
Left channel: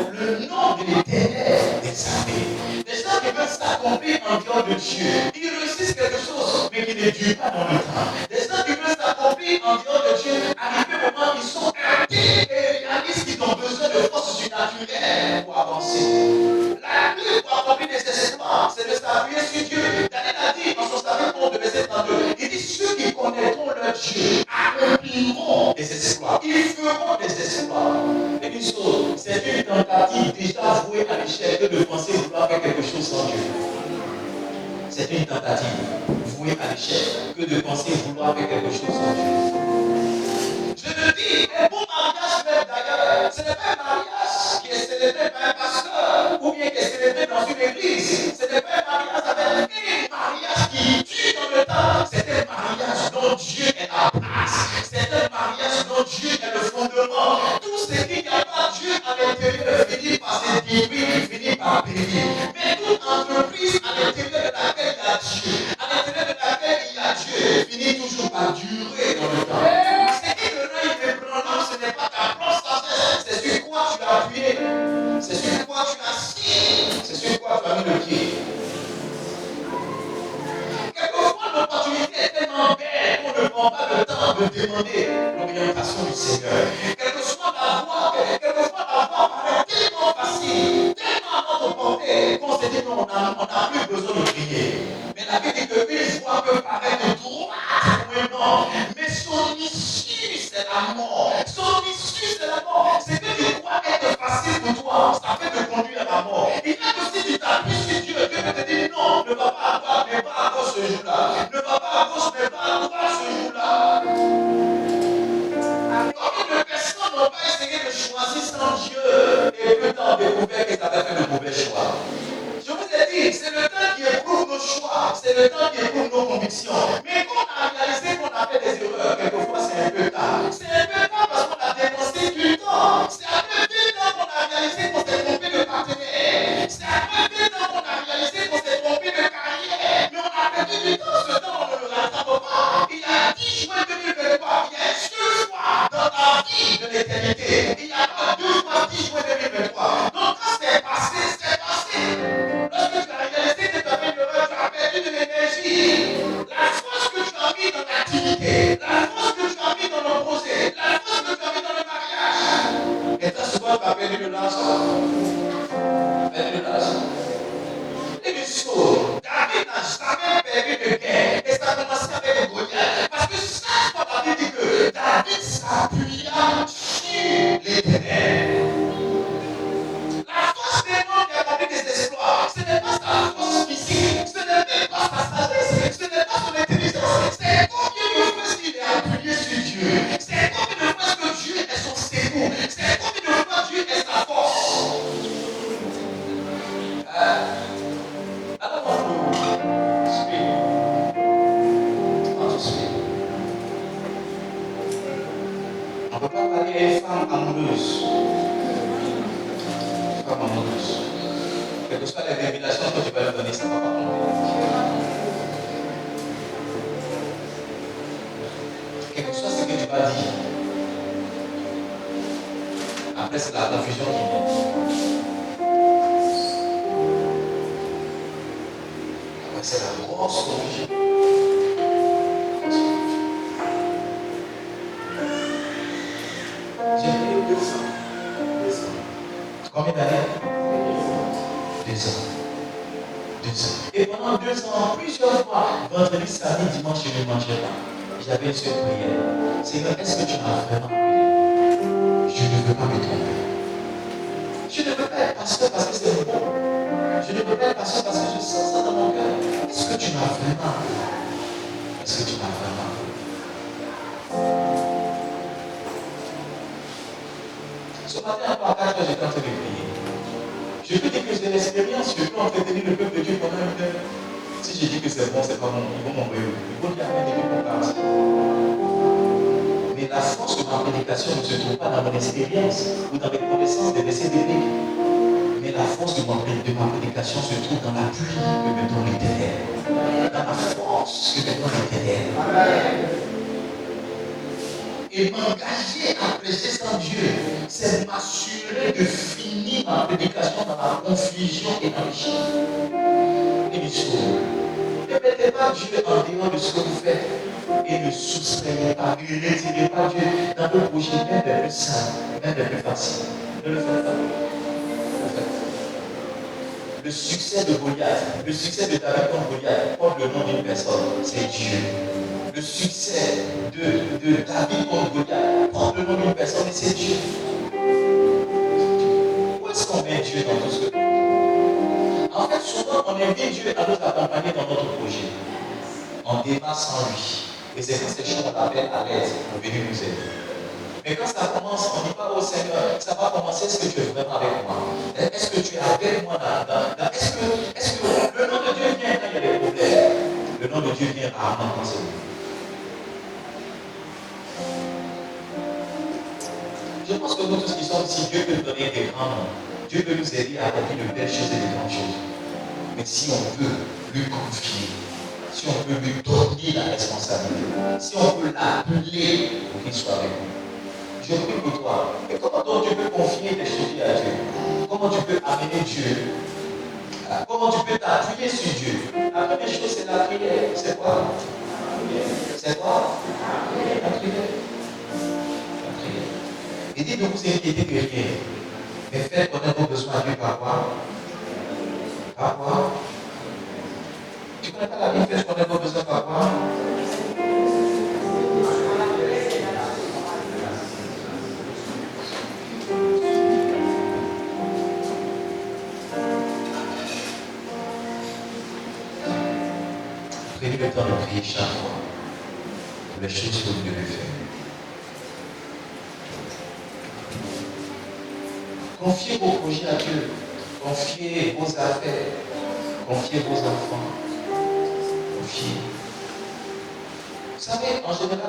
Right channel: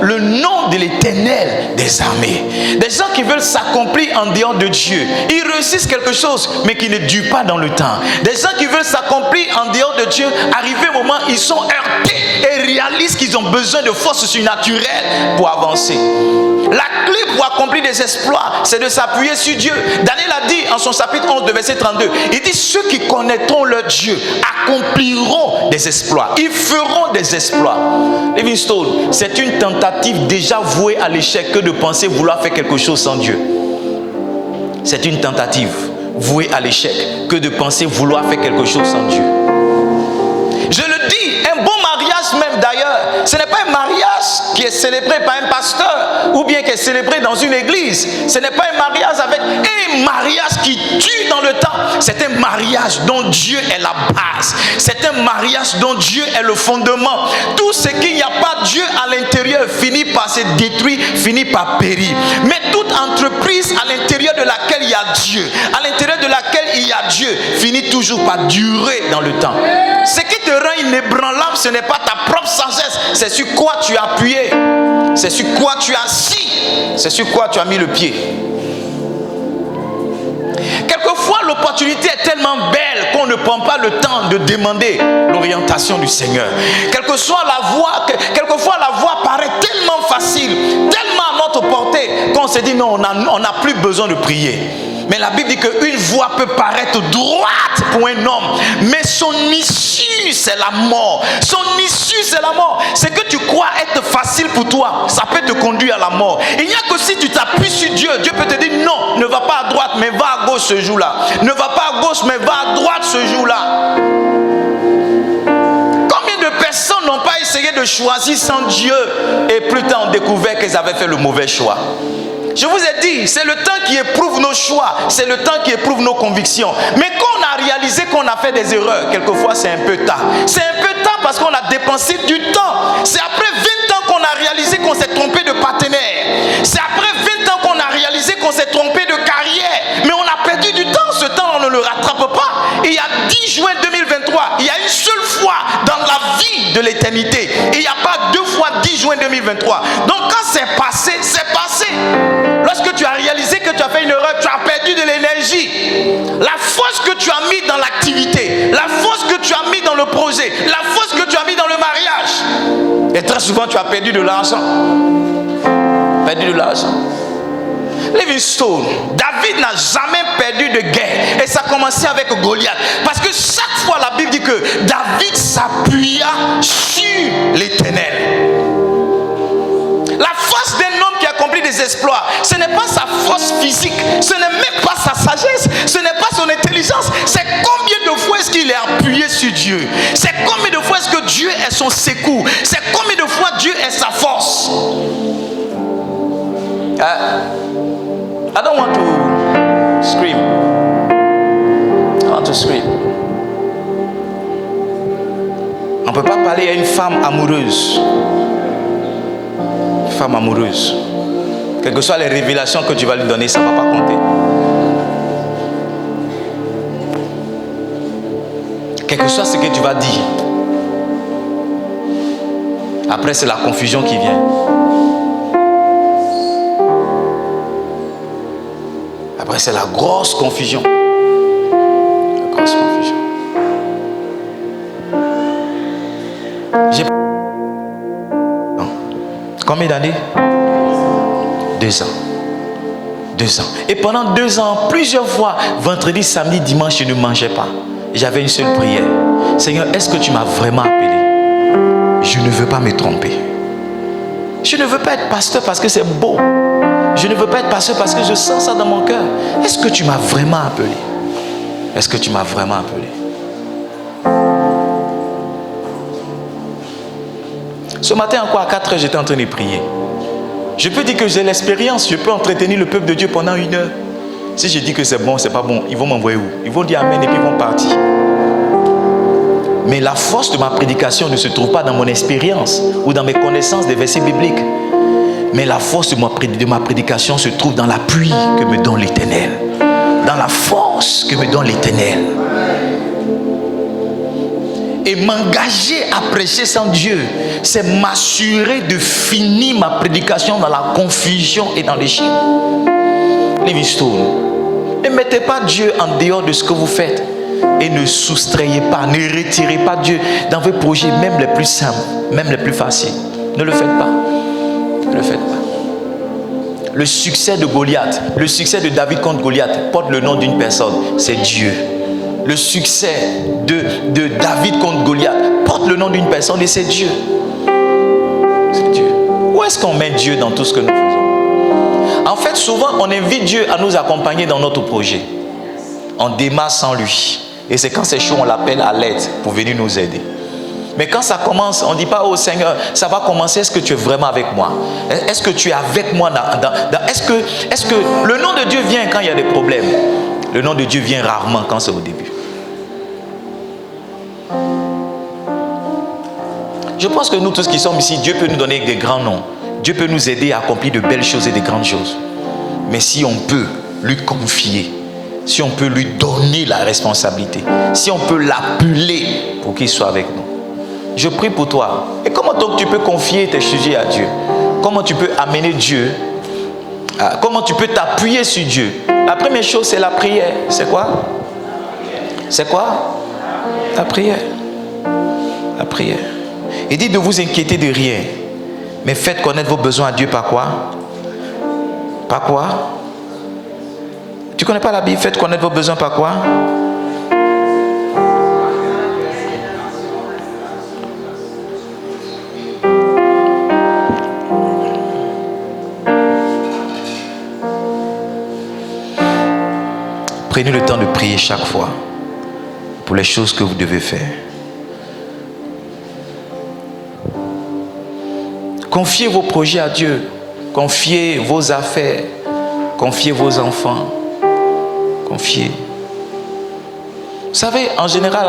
Le nom de l'Éternel des armées. Des gens qui veulent s'accomplir en dehors de Dieu, ils réussissent quelque chose mais qui ne dure pas dans le temps. Des gens qui veulent s'accomplir en dehors de Dieu, arrivé au moment, ils sont heurtés et réalisent qu'ils ont besoin de forces surnaturelles pour avancer. La clé pour accomplir des exploits, c'est de s'appuyer sur Dieu. Daniel a dit en son chapitre 11 de verset 32, il dit ceux qui connaîtront leur Dieu accompliront des exploits. Ils feront des exploits. Livingstone, c'est une tentative déjà vouée à l'échec que de penser vouloir faire quelque chose sans Dieu. C'est une tentative vouée à l'échec que de penser vouloir faire quelque chose sans Dieu. Je le dis, un bon mariage même d'ailleurs, ce n'est pas un mariage qui est célébré par un pasteur ou bien qui est célébré dans une église. Ce n'est pas un mariage avec un mariage qui tue dans le temps. C'est un mariage dont Dieu est la base. C'est un mariage dont Dieu est le fondement. Tout ce qu'il n'y a pas Dieu à l'intérieur finit par se détruire, finit par périr. Mais toute entreprise à l'intérieur de laquelle il y a Dieu, à l'intérieur de laquelle il y a Dieu, finit toujours par durer dans le temps. Ce qui te rend inébranlable, ce n'est pas ta propre sagesse, c'est sur quoi tu as appuyé, c'est sur quoi tu as assis, c'est sur quoi tu as mis le pied. Quelquefois, l'opportunité est tellement belle qu'on ne prend pas le temps de demander l'orientation du Seigneur. Quelquefois, la voie paraît tellement facile, tellement à notre portée, qu'on se dit non, on n'a plus besoin de prier. Mais la Bible dit qu'une voie peut paraître droite pour un homme, mais son issue, c'est la mort. Son issue, c'est la mort. Ce que tu crois être facile pour toi, ça peut te conduire à la mort. Il n'y a que si tu t'appuies sur Dieu, Dieu peut te dire non, ne va pas à droite, mais va à gauche ce jour-là. Ne va pas à gauche, mais va à droite ce jour-là. Combien de personnes n'ont pas essayé de choisir sans Dieu et plus tard ont découvert qu'elles avaient fait le mauvais choix? Je vous ai dit, c'est le temps qui éprouve nos choix, c'est le temps qui éprouve nos convictions. Mais quand on a réalisé qu'on a fait des erreurs, quelquefois c'est un peu tard. C'est un peu tard parce qu'on a dépensé du temps. C'est après 20 ans qu'on a réalisé qu'on s'est trompé de partenaire. C'est après 20 ans qu'on a réalisé qu'on s'est trompé de carrière. rattrape pas. Il y a 10 juin 2023, il y a une seule fois dans la vie de l'éternité. Il n'y a pas 2 fois 10 juin 2023. Donc quand c'est passé, c'est passé. Lorsque tu as réalisé que tu as fait une erreur, tu as perdu de l'énergie. La force que tu as mis dans l'activité, la force que tu as mis dans le projet, la force que tu as mis dans le mariage. Et très souvent, tu as perdu de l'argent. Perdu de l'argent. Livingstone, David n'a jamais perdu de guerre. Et ça a commencé avec Goliath. Parce que chaque fois, la Bible dit que David s'appuya sur l'Éternel. La force d'un homme qui accomplit des exploits, ce n'est pas sa force physique, ce n'est même pas sa sagesse, ce n'est pas son intelligence. C'est combien de fois est-ce qu'il est appuyé sur Dieu? C'est combien de fois est-ce que Dieu est son secours? C'est combien de fois Dieu est sa force? I don't want to scream. I want to scream. On ne peut pas parler à une femme amoureuse. Une femme amoureuse. Quelles que soient les révélations que tu vas lui donner, ça ne va pas compter. Quel que soit ce que tu vas dire. Après, c'est la confusion qui vient. Après, c'est la grosse confusion. La grosse confusion. Combien d'années? 2 ans. 2 ans. Et pendant 2 ans, plusieurs fois, vendredi, samedi, dimanche, je ne mangeais pas. J'avais une seule prière. Seigneur, est-ce que tu m'as vraiment appelé? Je ne veux pas me tromper. Je ne veux pas être pasteur parce que c'est beau. Je ne veux pas être pasteur parce que je sens ça dans mon cœur. Est-ce que tu m'as vraiment appelé? Est-ce que tu m'as vraiment appelé? Ce matin encore à 4 heures, j'étais en train de prier. Je peux dire que j'ai l'expérience. Je peux entretenir le peuple de Dieu pendant 1 heure. Si je dis que c'est bon, c'est pas bon, ils vont m'envoyer où? Ils vont dire amen et puis ils vont partir. Mais la force de ma prédication ne se trouve pas dans mon expérience ou dans mes connaissances des versets bibliques. Mais la force de ma prédication se trouve dans l'appui que me donne l'Éternel. Dans la force que me donne l'Éternel. Et m'engager à prêcher sans Dieu, c'est m'assurer de finir ma prédication dans la confusion et dans l'échec. Livingstone, ne mettez pas Dieu en dehors de ce que vous faites. Et ne soustrayez pas, ne retirez pas Dieu dans vos projets, même les plus simples, même les plus faciles. Ne le faites pas. Ne le faites pas. Le succès de Goliath, le succès de David contre Goliath porte le nom d'une personne, c'est Dieu. Le succès de David contre Goliath porte le nom d'une personne et c'est Dieu. C'est Dieu. Où est-ce qu'on met Dieu dans tout ce que nous faisons? En fait, souvent, on invite Dieu à nous accompagner dans notre projet. On démarre sans lui. Et c'est quand c'est chaud, on l'appelle à l'aide pour venir nous aider. Mais quand ça commence, on ne dit pas, oh Seigneur, ça va commencer, est-ce que tu es vraiment avec moi? Est-ce que tu es avec moi est-ce que le nom de Dieu vient quand il y a des problèmes? Le nom de Dieu vient rarement quand c'est au début. Je pense que nous tous qui sommes ici, Dieu peut nous donner des grands noms. Dieu peut nous aider à accomplir de belles choses et de grandes choses. Mais si on peut lui confier, si on peut lui donner la responsabilité, si on peut l'appeler pour qu'il soit avec nous. Je prie pour toi. Et comment donc tu peux confier tes sujets à Dieu? Comment tu peux amener Dieu? Comment tu peux t'appuyer sur Dieu? La première chose, c'est la prière. C'est quoi? C'est quoi? La prière. La prière. Il dit de vous inquiéter de rien, mais faites connaître vos besoins à Dieu par quoi? Par quoi? Tu ne connais pas la Bible? Faites connaître vos besoins par quoi? Prenez le temps de prier chaque fois pour les choses que vous devez faire. Confiez vos projets à Dieu. Confiez vos affaires. Confiez vos enfants. Confiez. Vous savez, en général,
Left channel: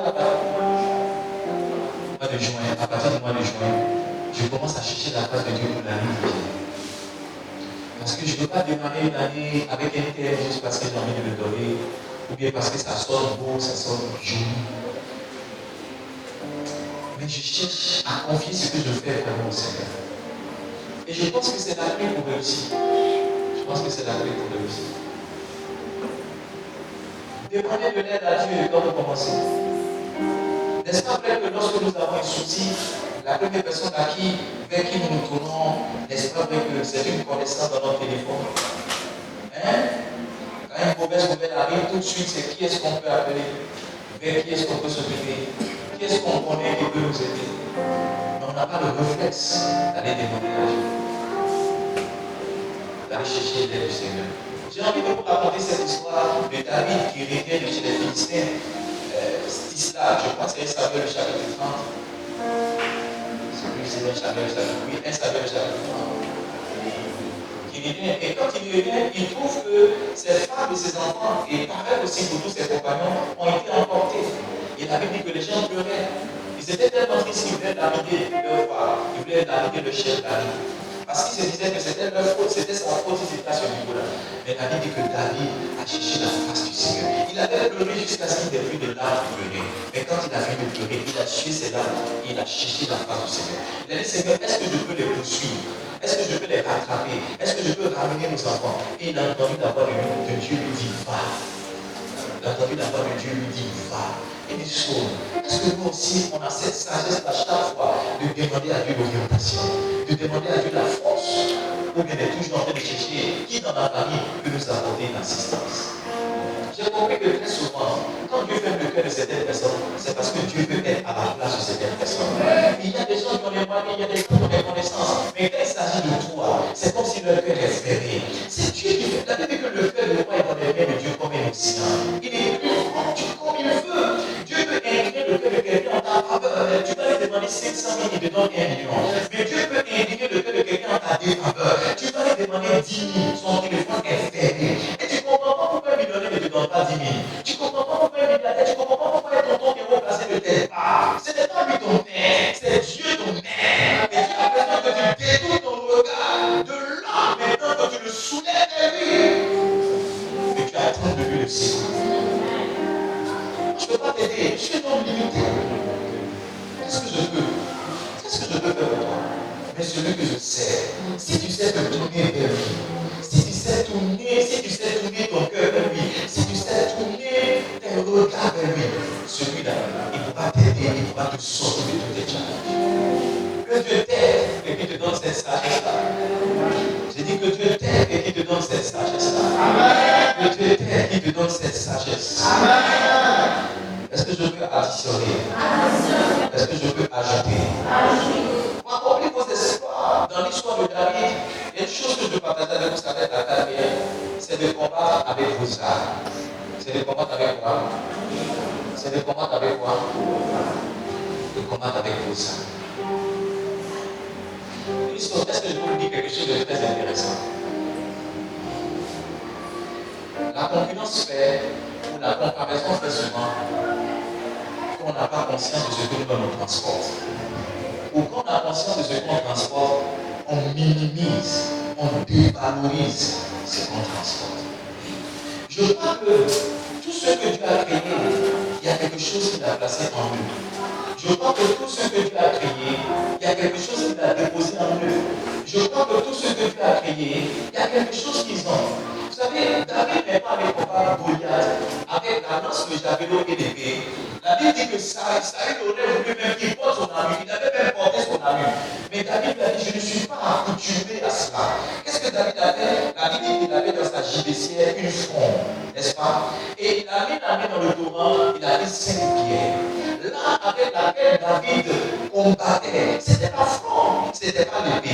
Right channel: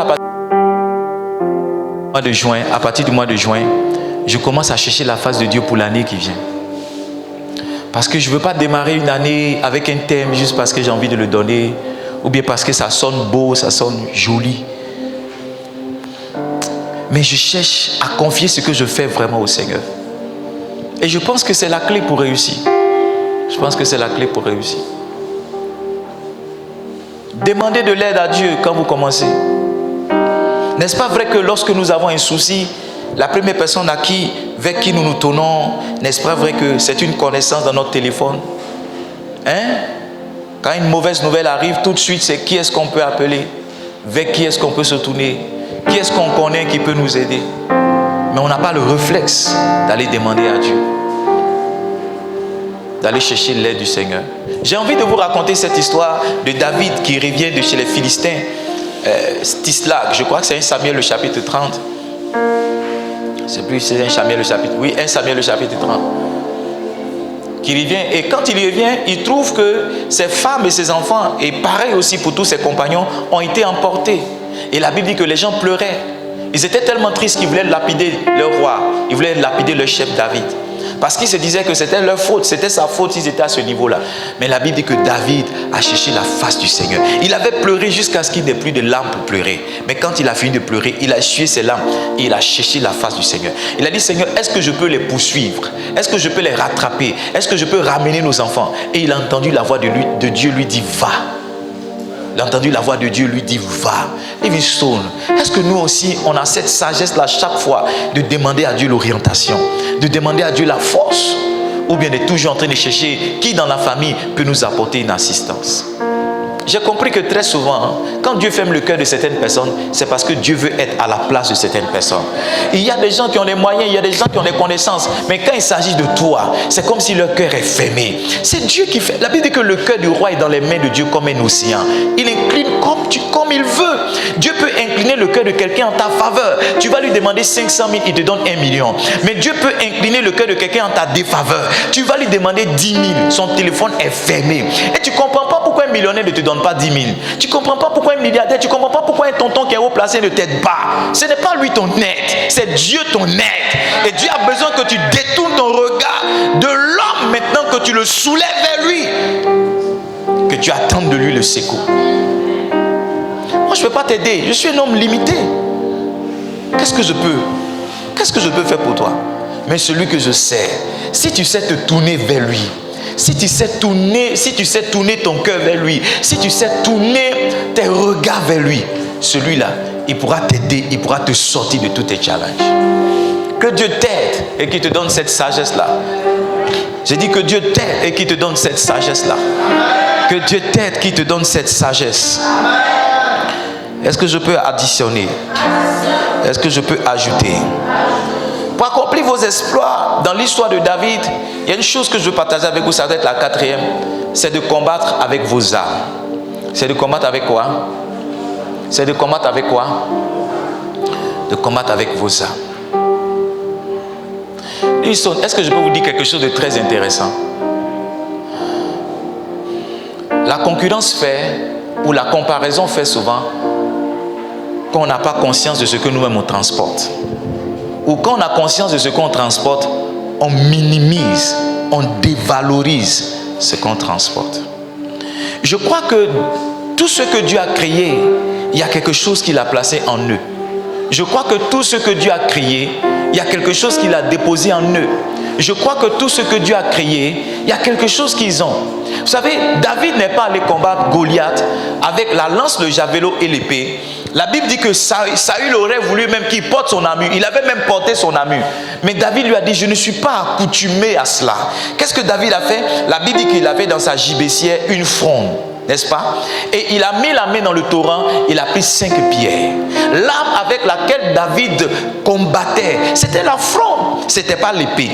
à partir du mois de juin, je commence à chercher la face de Dieu pour l'année qui vient. Parce que je ne veux pas démarrer une année avec un thème juste parce que j'ai envie de le donner ou bien parce que ça sonne beau, ça sonne joli. Mais je cherche à confier ce que je fais vraiment au Seigneur. Et je pense que c'est la clé pour réussir. Je pense que c'est la clé pour réussir. Demandez de l'aide à Dieu quand vous commencez. N'est-ce pas vrai que lorsque nous avons un souci, la première personne vers qui nous nous tournons, n'est-ce pas vrai que c'est une connaissance dans notre téléphone? Quand une mauvaise nouvelle arrive, tout de suite, c'est qui est-ce qu'on peut appeler? Vers qui est-ce qu'on peut se tourner? Qui est-ce qu'on connaît qui peut nous aider? Mais on n'a pas le réflexe d'aller demander à Dieu, d'aller chercher l'aide du Seigneur. J'ai envie de vous raconter cette histoire de David qui revient de chez les Philistins, Tislag. Je crois que c'est 1 Samuel le chapitre 30. C'est plus, c'est 1 Samuel le chapitre. Oui, 1 Samuel le chapitre 30. Qui revient, et quand il revient, il trouve que ses femmes et ses enfants, et pareil aussi pour tous ses compagnons, ont été emportés. Et la Bible dit que les gens pleuraient. Ils étaient tellement tristes qu'ils voulaient lapider leur roi. Ils voulaient lapider leur chef David. Parce qu'ils se disaient que c'était leur faute, c'était sa faute s'ils étaient à ce niveau-là. Mais la Bible dit que David a cherché la face du Seigneur. Il avait pleuré jusqu'à ce qu'il n'ait plus de larmes pour pleurer. Mais quand il a fini de pleurer, il a essuyé ses larmes et il a cherché la face du Seigneur. Il a dit, Seigneur, est-ce que je peux les poursuivre? Est-ce que je peux les rattraper? Est-ce que je peux ramener nos enfants? Et il a entendu la voix de Dieu lui dire, va. Il a entendu la voix de Dieu lui dire, va. Livingstone, est-ce que nous aussi, on a cette sagesse-là chaque fois de demander à Dieu l'orientation, de demander à Dieu la force, ou bien de toujours en train de chercher qui dans la famille peut nous apporter une assistance? J'ai compris que très souvent, quand Dieu ferme le cœur de certaines personnes, c'est parce que Dieu veut être à la place de certaines personnes. Il y a des gens qui ont les moyens, il y a des gens qui ont les connaissances, mais quand il s'agit de toi, c'est comme si leur cœur est fermé. C'est Dieu qui fait. La Bible dit que le cœur du roi est dans les mains de Dieu comme un océan. Il incline comme il veut. Dieu peut incliner le cœur de quelqu'un en ta faveur. Tu vas lui demander 500 000, il te donne 1 million. Mais Dieu peut incliner le cœur de quelqu'un en ta défaveur. Tu vas lui demander 10 000, son téléphone est fermé. Et tu ne comprends pas pourquoi un millionnaire ne te donne pas 10 000. Tu ne comprends pas pourquoi un milliardaire, tu ne comprends pas pourquoi un tonton qui est haut placé ne t'aide pas. Ce n'est pas lui ton aide, c'est Dieu ton aide. Et Dieu a besoin que tu détournes ton regard de l'homme maintenant, que tu le soulèves vers lui, que tu attendes de lui le secours. Moi je ne peux pas t'aider, je suis un homme limité. Qu'est-ce que je peux faire pour toi? Mais celui que je sais, si tu sais te tourner vers lui, si tu sais tourner ton cœur vers lui, si tu sais tourner tes regards vers lui, celui-là, il pourra t'aider, il pourra te sortir de tous tes challenges. Que Dieu t'aide et qu'il te donne cette sagesse-là. J'ai dit que Dieu t'aide et qu'il te donne cette sagesse-là. Que Dieu t'aide, qu'il te donne cette sagesse. Est-ce que je peux additionner? Est-ce que je peux ajouter? Pour accomplir vos exploits dans l'histoire de David, il y a une chose que je veux partager avec vous, ça va être la 4e, c'est de combattre avec vos armes. C'est de combattre avec quoi? C'est de combattre avec quoi? De combattre avec vos armes. Est-ce que je peux vous dire quelque chose de très intéressant? La concurrence fait, ou la comparaison fait souvent, qu'on n'a pas conscience de ce que nous-mêmes on transporte. Ou quand on a conscience de ce qu'on transporte, on minimise, on dévalorise ce qu'on transporte. Je crois que tout ce que Dieu a créé, il y a quelque chose qu'il a placé en eux. Je crois que tout ce que Dieu a créé, il y a quelque chose qu'il a déposé en eux. Je crois que tout ce que Dieu a créé, il y a quelque chose qu'ils ont. Vous savez, David n'est pas allé combattre Goliath avec la lance, le javelot et l'épée. La Bible dit que Saül aurait voulu même qu'il porte son armure. Il avait même porté son armure. Mais David lui a dit, je ne suis pas accoutumé à cela. Qu'est-ce que David a fait? La Bible dit qu'il avait dans sa gibecière une fronde, n'est-ce pas? Et il a mis la main dans le torrent, il a pris 5 pierres. L'arme avec laquelle David combattait, c'était la fronde, c'était pas l'épée.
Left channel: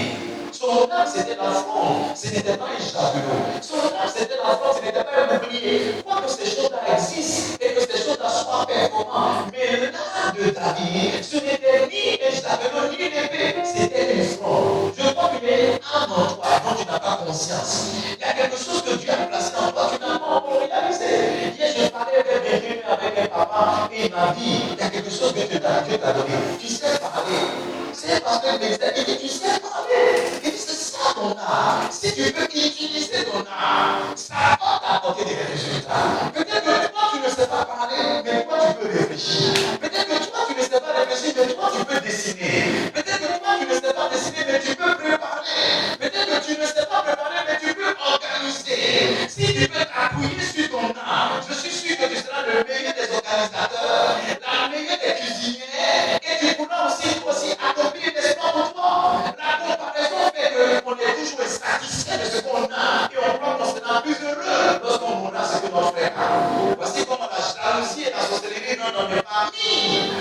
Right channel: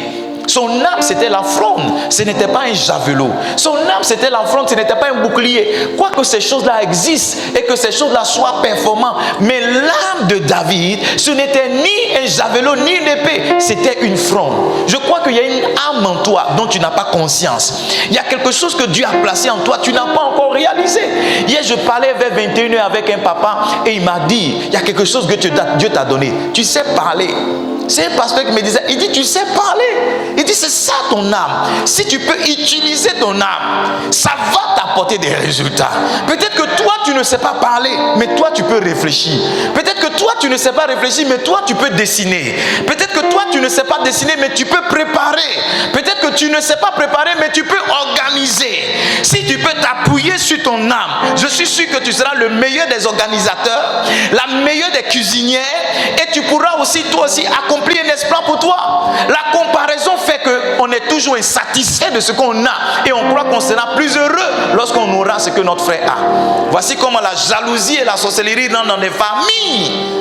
Son arme, c'était la fronde, ce n'était pas un javelot. Son arme, c'était la fronde, ce n'était pas un bouclier. Quoique ces choses-là existent et que ces choses-là soient performantes, mais l'arme de David, ce n'était ni un javelot, ni une épée, c'était une fronde. Je crois qu'il y a une âme en toi dont tu n'as pas conscience. Il y a quelque chose que Dieu a placé en toi, tu n'as pas encore réalisé. Hier, je parlais vers 21h avec un papa et il m'a dit, il y a quelque chose que Dieu t'a donné. Tu sais parler. C'est un pasteur qui me disait, il dit, tu sais parler. Il dit, c'est ça ton âme. Si tu peux utiliser ton âme, ça va apporter des résultats. Peut-être que toi, tu ne sais pas parler, mais toi, tu peux réfléchir. Peut-être que toi, tu ne sais pas réfléchir, mais toi, tu peux dessiner. Peut-être que toi, tu ne sais pas dessiner, mais tu peux préparer. Peut-être que tu ne sais pas préparer, mais tu peux organiser. Si tu peux t'appuyer sur ton âme, je suis sûr que tu seras le meilleur des organisateurs, la meilleure des cuisinières, et tu pourras aussi, toi aussi, accomplir un exploit pour toi. La comparaison fait qu'on est toujours insatisfait de ce qu'on a et on croit qu'on sera plus heureux lorsqu'on aura ce que notre frère a. Voici comment la jalousie et la sorcellerie rentrent dans les familles.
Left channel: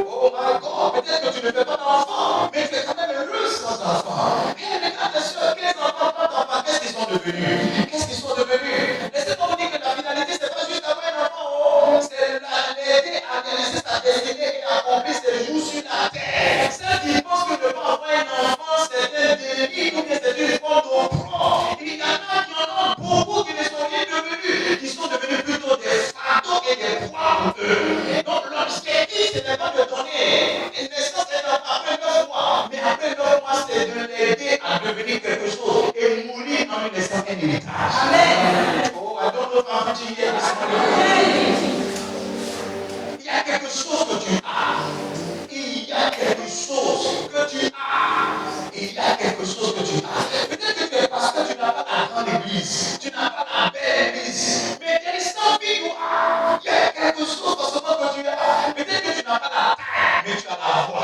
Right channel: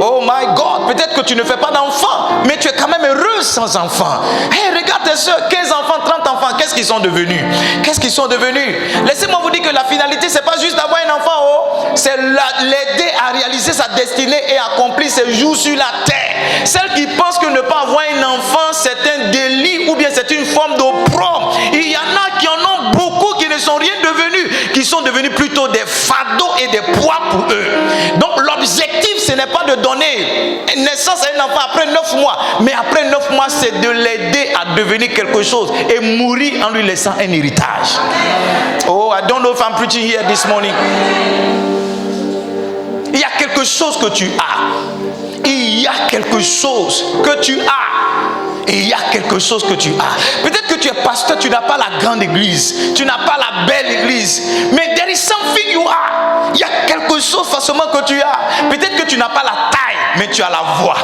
Oh my God, peut-être que tu ne fais pas d'enfants, mais tu es quand même heureux sans enfants. Hey, regarde tes soeurs, 15 enfants, 30 enfants, qu'est-ce qu'ils sont devenus? Qu'est-ce qu'ils sont devenus? Laissez-moi vous dire que la finalité, c'est pas juste d'avoir un enfant, oh, c'est l'aider à réaliser sa destinée et accomplir ses jours sur la terre. Celles qui pensent que ne pas avoir un enfant, c'est un délit ou bien c'est une forme d'opprobre. Il y en a qui en ont beaucoup qui ne sont rien devenus, qui sont devenus plutôt des fardeaux et des poids pour eux. Donc l'objectif, ce n'est pas de donner naissance à un enfant après 9 mois, mais après 9 mois, c'est de l'aider à devenir quelque chose et mourir en lui laissant un héritage. Oh, I don't know if I'm preaching here this morning. Il y a quelque chose que tu as. Il y a quelque chose que tu as. Et il y a quelque chose que tu as. Peut-être que tu es pasteur, tu n'as pas la grande église, tu n'as pas la belle église, mais there is something you are. Il y a quelque chose forcément que tu as. Peut-être que tu n'as pas la taille, mais tu as la voix.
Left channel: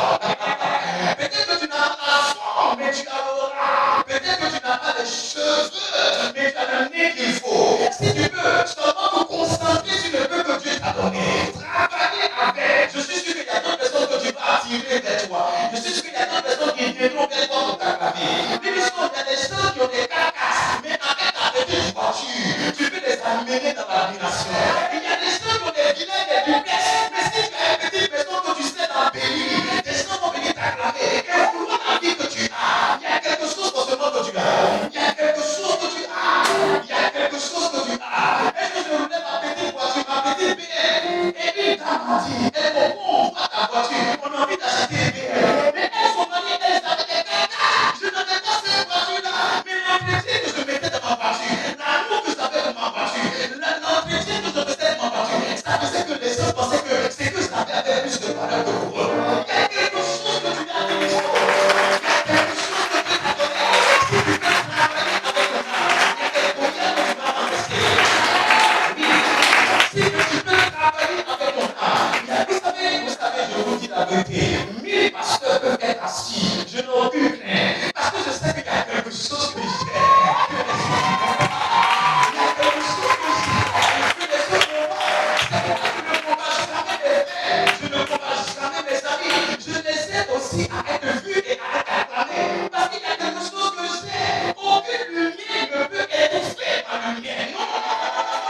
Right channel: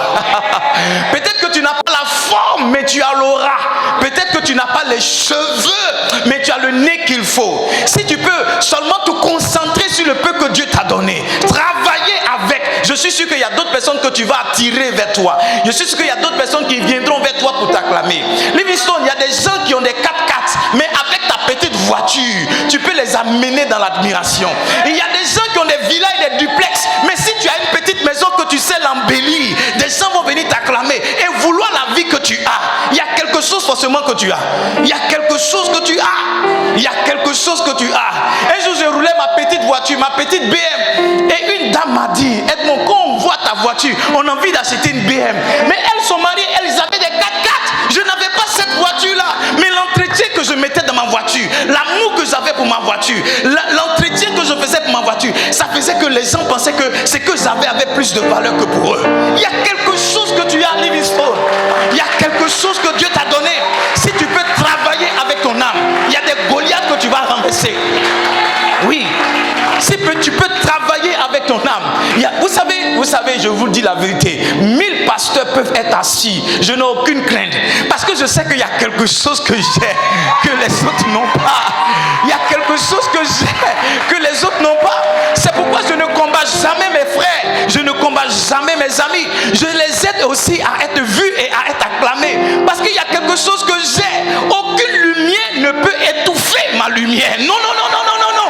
Peut-être que tu n'as pas la forme, mais tu as l'aura. Peut-être que tu n'as pas les cheveux, mais tu as le nez qu'il faut. Si tu peux seulement te concentrer sur le peu que Dieu t'a donné, travailler avec, je suis sûr qu'il y a d'autres personnes que tu vas attirer vers toi. Je suis sûr qu'il y a d'autres personnes qui viendront vers toi pour t'acclamer. Livingstone, il y a des gens qui ont des 4x4, mais avec ta petite voiture, tu peux les amener dans l'admiration. Il y a des gens qui ont des villas et des duplex, mais si tu as une petite maison que tu sais l'embellir, des gens vont venir t'acclamer et vouloir la vie que tu as. Il y a quelque chose forcément que tu as. Il y a quelque chose que tu as. Il y a quelque chose que tu as. Un jour, je roulais ma petite voiture, ma petite BM, et une dame m'a dit, Edmond, quand on voit ta voiture, on a envie d'acheter une BM. Mais elles sont mariées, elles avaient des 4x4. Je n'avais pas cette voiture-là, mais l'entretien que je mettais dans ma voiture, l'amour que j'avais pour ma voiture, l'entretien que je faisais pour ma voiture, ça faisait que les gens pensaient que ce que j'avais avait plus de valeur que pour eux. Il y a quelque chose que tu as, Livingstone. Il y a quelque chose que Dieu t'a donné. Si tu peux travailler avec ton âme, il y a des Goliaths que tu vas renverser. Oui. Si tu peux travailler avec ton âme. Vous savez, je vous dis la vérité. 1000 pasteurs peuvent être assis. Je n'ai aucune crainte. Parce que je sais qu'il y a quelque chose que j'ai, que les autres n'ont pas. Il y a quelque chose que j'ai, que les autres n'ont pas. C'est pourquoi je ne combats jamais mes frères. Je ne combats jamais mes amis. Je les aide aussi à être vus et à être acclamés. Parce qu'il y a quelque chose que j'ai. Aucune lumière ne peut étouffer ma lumière. Non, non, non, non, non, non, non.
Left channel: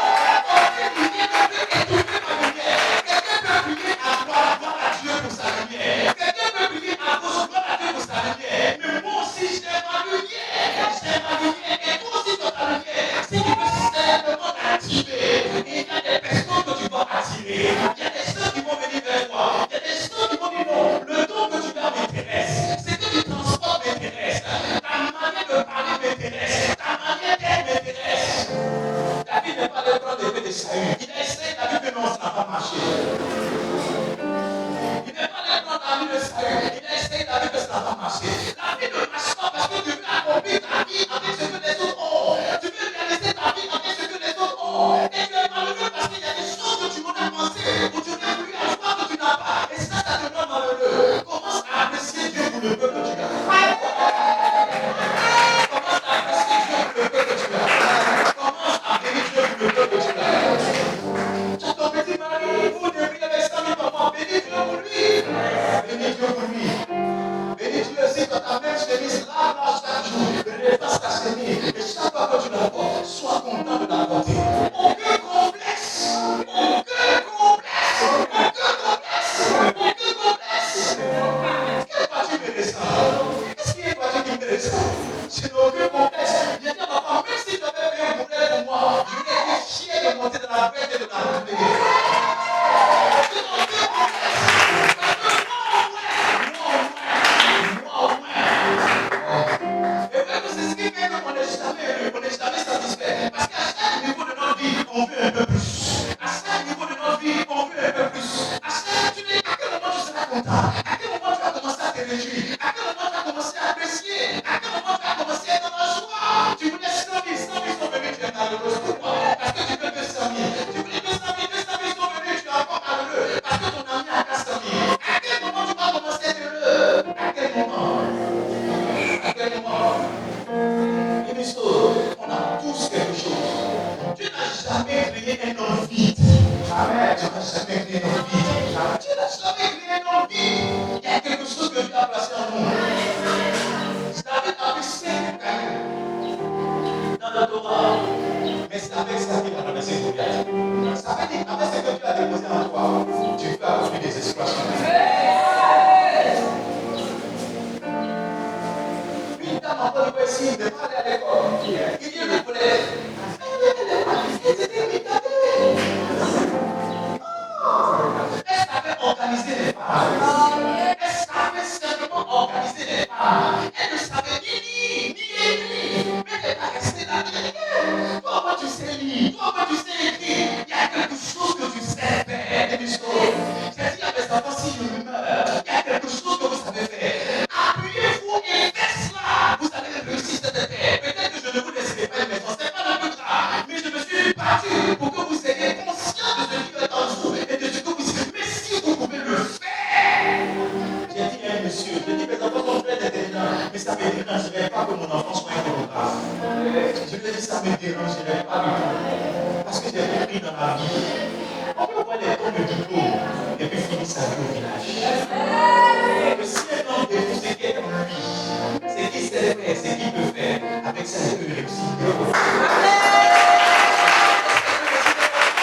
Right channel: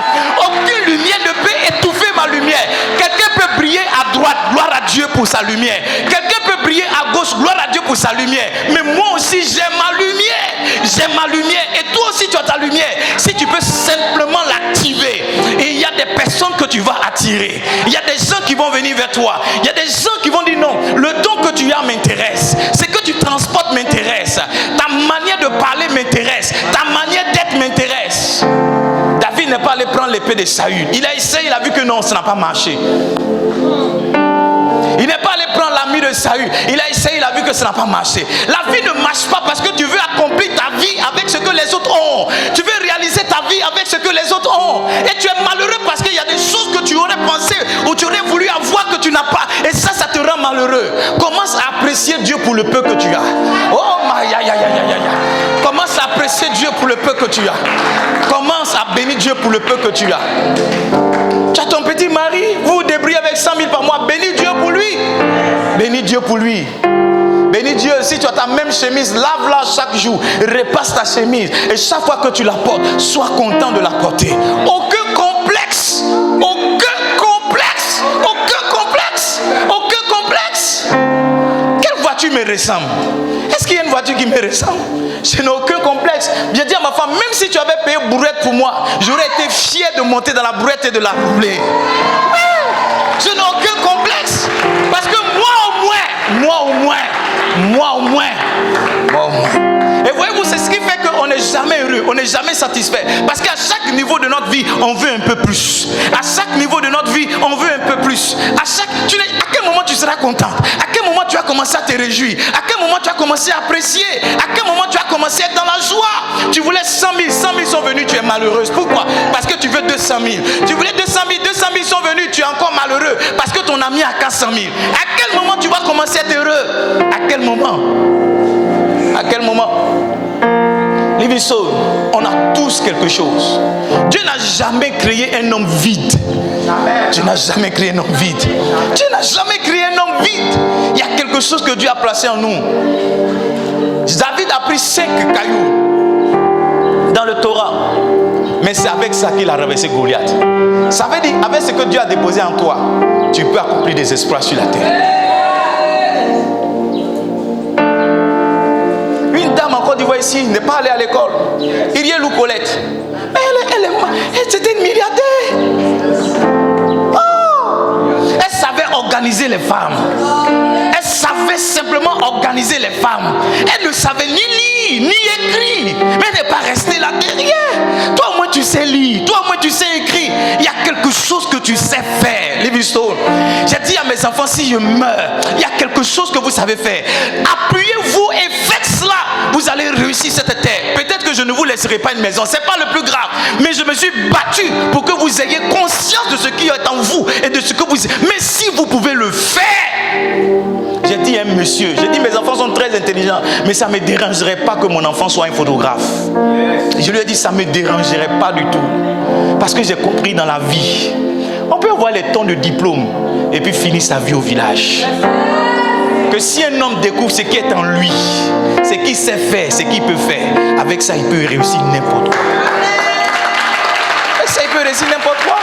Aucune lumière ne peut étouffer ma lumière. Quelqu'un peut briller à droite, gloire à Dieu pour sa lumière. Quelqu'un peut briller à gauche, gloire à Dieu pour sa lumière. Mais moi aussi, j'ai ma lumière. J'ai ma lumière. Et toi aussi, tu as ta lumière. Si tu peux simplement l'activer, et il y a des personnes que tu vas attirer. Il y a des gens qui vont venir vers toi. Il y a des gens qui vont dire non, le don que tu as m'intéresse. Ce que tu transportes m'intéresse. Ta manière de parler m'intéresse. Ta manière d'être m'intéresse. David n'est pas allé prendre l'épée de Saül. Il a essayé, il a vu que non, ça n'a pas marché. Il n'est pas allé prendre l'ami de Saül. Il a essayé, il a vu que ça n'a pas marché. La vie ne marche pas parce que tu veux accomplir ta vie avec ce que les autres ont. Tu veux réaliser ta vie avec ce que les autres ont. Et tu es malheureux parce qu'il y a des choses que tu aurais pensé ou tu aurais voulu avoir que tu n'as pas. Et ça te rend malheureux. Commence à apprécier Dieu pour le peu que tu as. Oh, commence à apprécier Dieu pour le peu que tu as. Commence à bénir Dieu pour le peu que tu as. Tu as ton petit mari, vous vous débrouillez avec 100 000 par mois. Bénis Dieu pour lui. Bénis Dieu pour lui. Bénis Dieu. Si tu as ta même chemise, lave-la chaque jour. Repasse ta chemise. Et chaque fois que tu la portes, sois content de la porter. Aucun complexe. Aucun complexe. Aucun complexe. Aucun complexe. Quelle voiture me ressemble? Est-ce qu'il y a une voiture qui me ressemble? Je n'ai aucun complexe. J'ai dit à ma femme, même si tu avais payé brouette pour moi, j'aurais été fier de monter dans la brouette et de la rouler. Je n'ai aucun complexe. Parce que moi au moins. Et voyez-vous, c'est ce qui fait qu'on n'est jamais heureux. on n'est jamais satisfait. Parce qu'à chaque niveau de notre vie, on veut un peu plus. À chaque niveau de notre vie, on veut un peu plus. À quel moment tu seras content? À quel moment tu vas commencer à te réjouir? À quel moment tu vas commencer à apprécier? À quel moment tu vas commencer à être dans la joie? Tu voulais 100 000, 100 000 sont venus, tu es malheureuse. Pourquoi? Parce que tu veux 200 000. Tu voulais 200 000, 200 000 sont venus, tu es encore malheureux. Parce que ton ami a 400 000. À quel moment tu vas commencer à être heureux? À quel moment? À quel moment? Living Soul, on a tous quelque chose. Dieu n'a jamais créé un homme vide. Dieu n'a jamais créé un homme vide. Dieu n'a jamais créé un homme vide. Il y a quelque chose que Dieu a placé en nous. David a pris 5 cailloux dans le Torah. Mais c'est avec ça qu'il a renversé Goliath. Ça veut dire, avec ce que Dieu a déposé en toi, tu peux accomplir des exploits sur la terre. Une dame en Côte d'Ivoire ici n'est pas allée à l'école. Iriel ou Colette. Elle c'était une milliardaire. Oh, elle savait organiser les femmes. Elle savait simplement organiser les femmes. Elle ne savait ni lire, ni écrire. Mais elle n'est pas restée là derrière. Toi au moins tu sais lire. Toi au moins tu sais écrire. Il y a quelque chose que tu sais faire. Living Soul. J'ai dit à mes enfants, si je meurs, il y a quelque chose que vous savez faire. Appuyez-vous et faites cela. Vous allez réussir cette terre. Peut-être que je ne vous laisserai pas une maison. Ce n'est pas le plus grave. Mais je me suis battu pour que vous ayez conscience de ce qui est en vous et de ce que vous... Mais si vous pouvez le faire... J'ai dit à un monsieur, j'ai dit mes enfants sont très intelligents, mais ça ne me dérangerait pas que mon enfant soit un photographe. Je lui ai dit ça ne me dérangerait pas du tout. Parce que j'ai compris dans la vie, on peut avoir les tons de diplôme et puis finir sa vie au village. Que si un homme découvre ce qui est en lui, ce qu'il sait faire, ce qu'il peut faire, avec ça il peut réussir n'importe quoi. Avec ça il peut réussir n'importe quoi.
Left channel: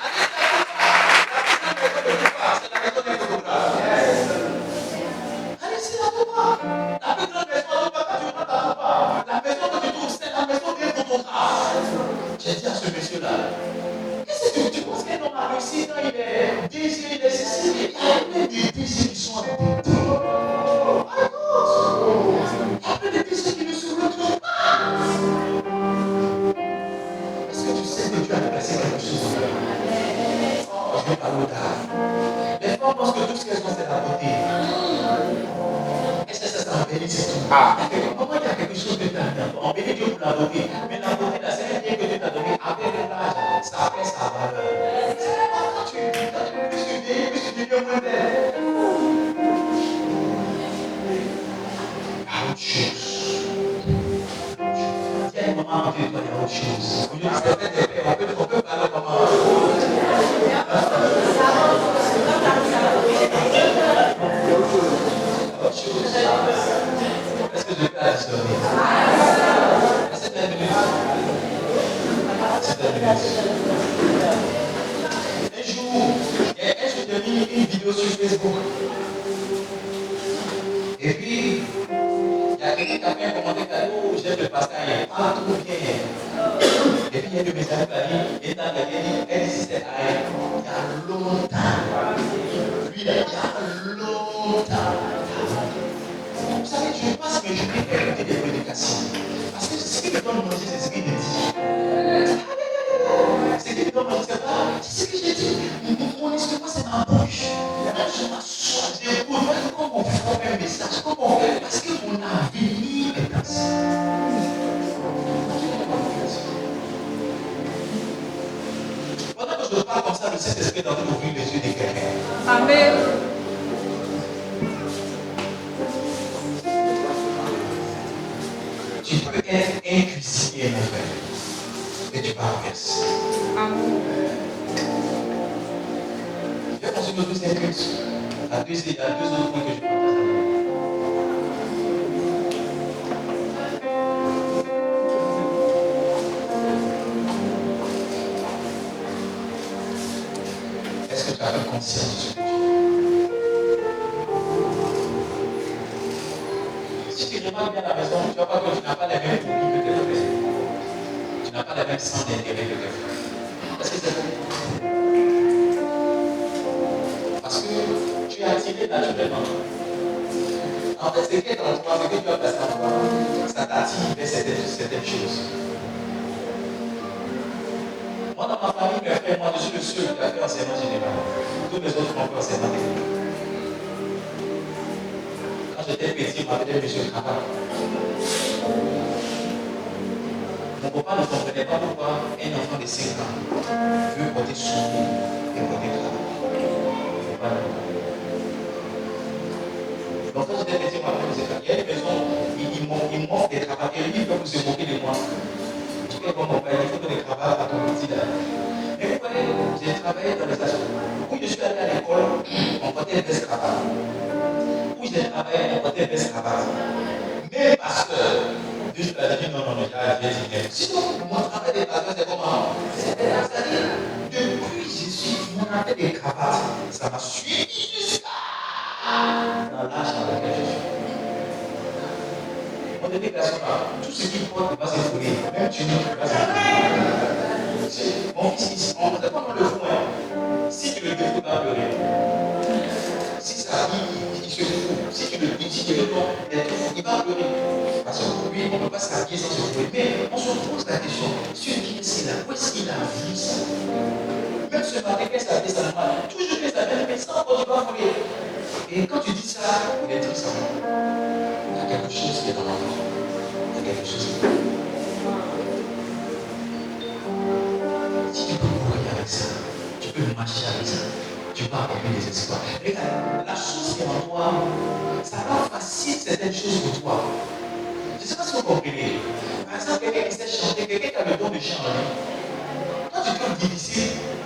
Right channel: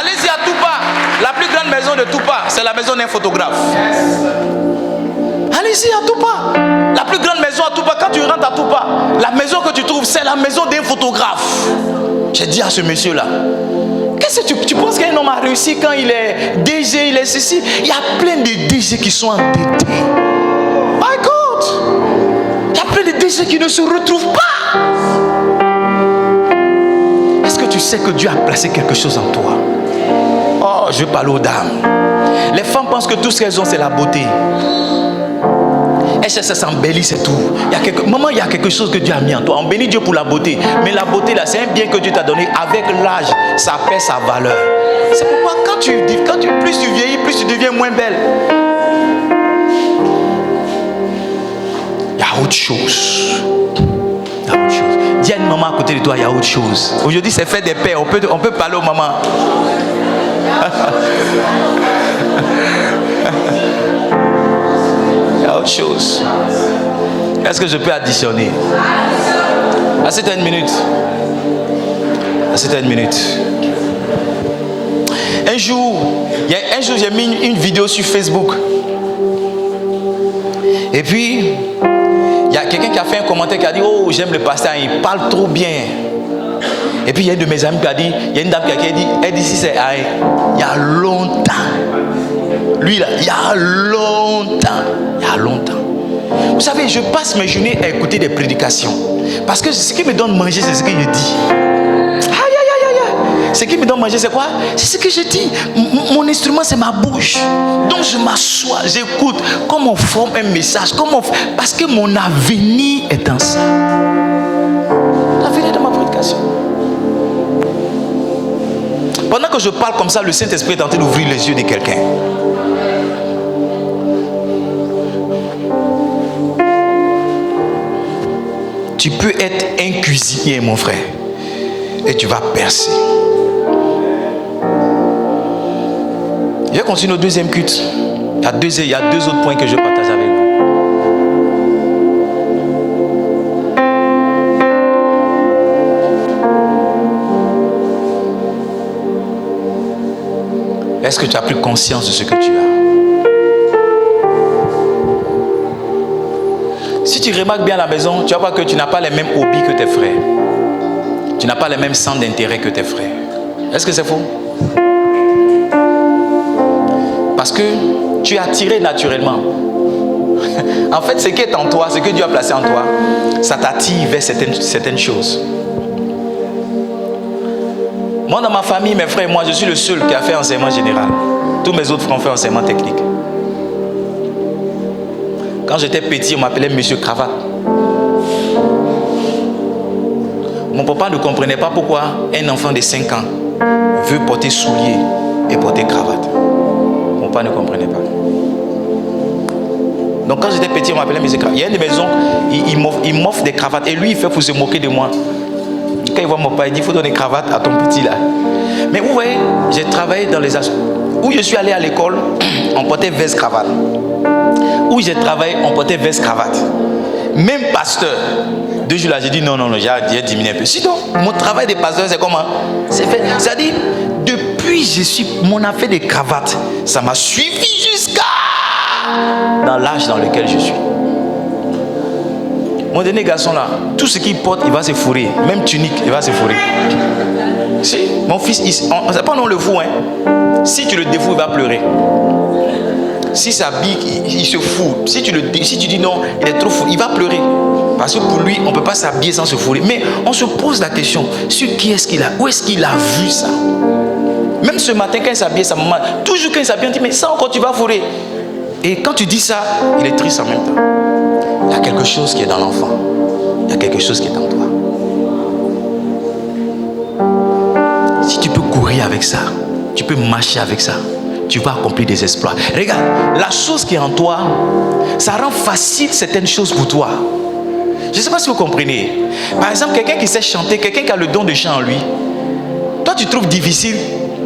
Allez-y à Toupa, la plus grande maison de Toupa, c'est la maison d'un photographe. Allez-y à Toupa, la plus grande maison à Toupa, quand tu rentres à Toupa, la maison que tu trouves, c'est la maison d'un photographe. J'ai dit à ce monsieur-là, qu'est-ce que tu penses qu'un homme a réussi quand il est DG, il est ceci? Il y a plein de DG qui sont endettés. My God! Il y a plein de DG qui ne se retrouvent pas. Est-ce que tu sais que Dieu a placé quelque chose en toi? Oh, je parle aux dames. Les femmes pensent que tout ce qu'elles ont, c'est la beauté. Elles s'embellissent, c'est tout. Maman, il y a quelque chose que Dieu a mis en toi. On bénit Dieu pour la beauté. Mais la beauté, là, c'est un bien que Dieu t'a donné. Avec l'âge, ça perd sa valeur. C'est pourquoi plus tu vieillis, plus tu deviens moins belle. Il y a autre chose. Il y a autre chose. Dis à une maman à côté de toi, il y a autre chose. Aujourd'hui, c'est fait des pères. On peut parler aux mamans. Il y a autre chose. Est-ce que je peux additionner? Assieds-toi une minute. Assieds-toi une minute. Un jour, j'ai mis une vidéo sur Facebook. Et puis, il y a quelqu'un qui a fait un commentaire qui a dit, oh, j'aime le pasteur, il parle trop bien. Et puis, il y a une de mes amis qui a dit, il y a une dame qui a dit, elle dit, si c'est il y a longtemps. Lui, là, il y a longtemps. Il y a longtemps. Vous savez, je passe mes journées à écouter des prédications. Parce que ce qui me donne manger, c'est ce que je dis. Ce qui me donne manger, c'est quoi? C'est ce que je dis. Mon instrument, c'est ma bouche. Donc je m'assois, j'écoute. Comment on forme un message? Parce que mon avenir est dans ça. L'avenir de ma prédication. Pendant que je parle comme ça, le Saint-Esprit est en train d'ouvrir les yeux de quelqu'un. Amen. Tu peux être un cuisinier, mon frère, et tu vas percer. Je vais continuer au deuxième culte. Il y a deux autres points que je partage avec vous. Est-ce que tu as pris conscience de ce que tu as? Si tu remarques bien à la maison, tu vas voir que tu n'as pas les mêmes hobbies que tes frères. Tu n'as pas les mêmes centres d'intérêt que tes frères. Est-ce que c'est faux? Parce que tu es attiré naturellement. En fait, ce qui est en toi, ce que Dieu a placé en toi, ça t'attire vers certaines choses. Moi, dans ma famille, mes frères et moi, je suis le seul qui a fait enseignement général. Tous mes autres frères ont fait enseignement technique. Quand j'étais petit, on m'appelait Monsieur Cravate. Mon papa ne comprenait pas pourquoi un enfant de 5 ans veut porter souliers et porter cravate. Mon papa ne comprenait pas. Donc quand j'étais petit, on m'appelait Monsieur Cravate. Il y a une maison, il m'offre des cravates. Et lui, il fait pour se moquer de moi. Quand il voit mon papa, il dit, il faut donner cravate à ton petit là. Mais vous voyez, j'ai travaillé dans les assos. Où je suis allé à l'école, on portait veste cravate. Où j'ai travaillé, on portait veste cravate. Même pasteur. 2 jours là, j'ai dit non, j'ai diminué un peu. Sinon, mon travail de pasteur, c'est comment? C'est fait. C'est-à-dire, depuis mon affaire de cravate, ça m'a suivi jusqu'à dans l'âge dans lequel je suis. Mon dernier garçon là, tout ce qu'il porte, il va se fourrer. Même tunique, il va se fourrer. Si, mon fils, c'est pas non le fou, hein. Si tu le défoues, il va pleurer. Si ça s'habille, il se fout. Si tu dis non, il est trop fou, il va pleurer. Parce que pour lui, on ne peut pas s'habiller sans se fourrer. Mais on se pose la question, sur qui est-ce qu'il a, où est-ce qu'il a vu ça? Même ce matin, quand il s'habille, sa maman, toujours quand il s'habille, on dit, mais ça encore, tu vas fourrer. Et quand tu dis ça, il est triste en même temps. Il y a quelque chose qui est dans l'enfant. Il y a quelque chose qui est en toi. Si tu peux courir avec ça, tu peux marcher avec ça, tu vas accomplir des exploits. Regarde, la chose qui est en toi, ça rend facile certaines choses pour toi. Je ne sais pas si vous comprenez. Par exemple, quelqu'un qui sait chanter, quelqu'un qui a le don de chant en lui, toi tu trouves difficile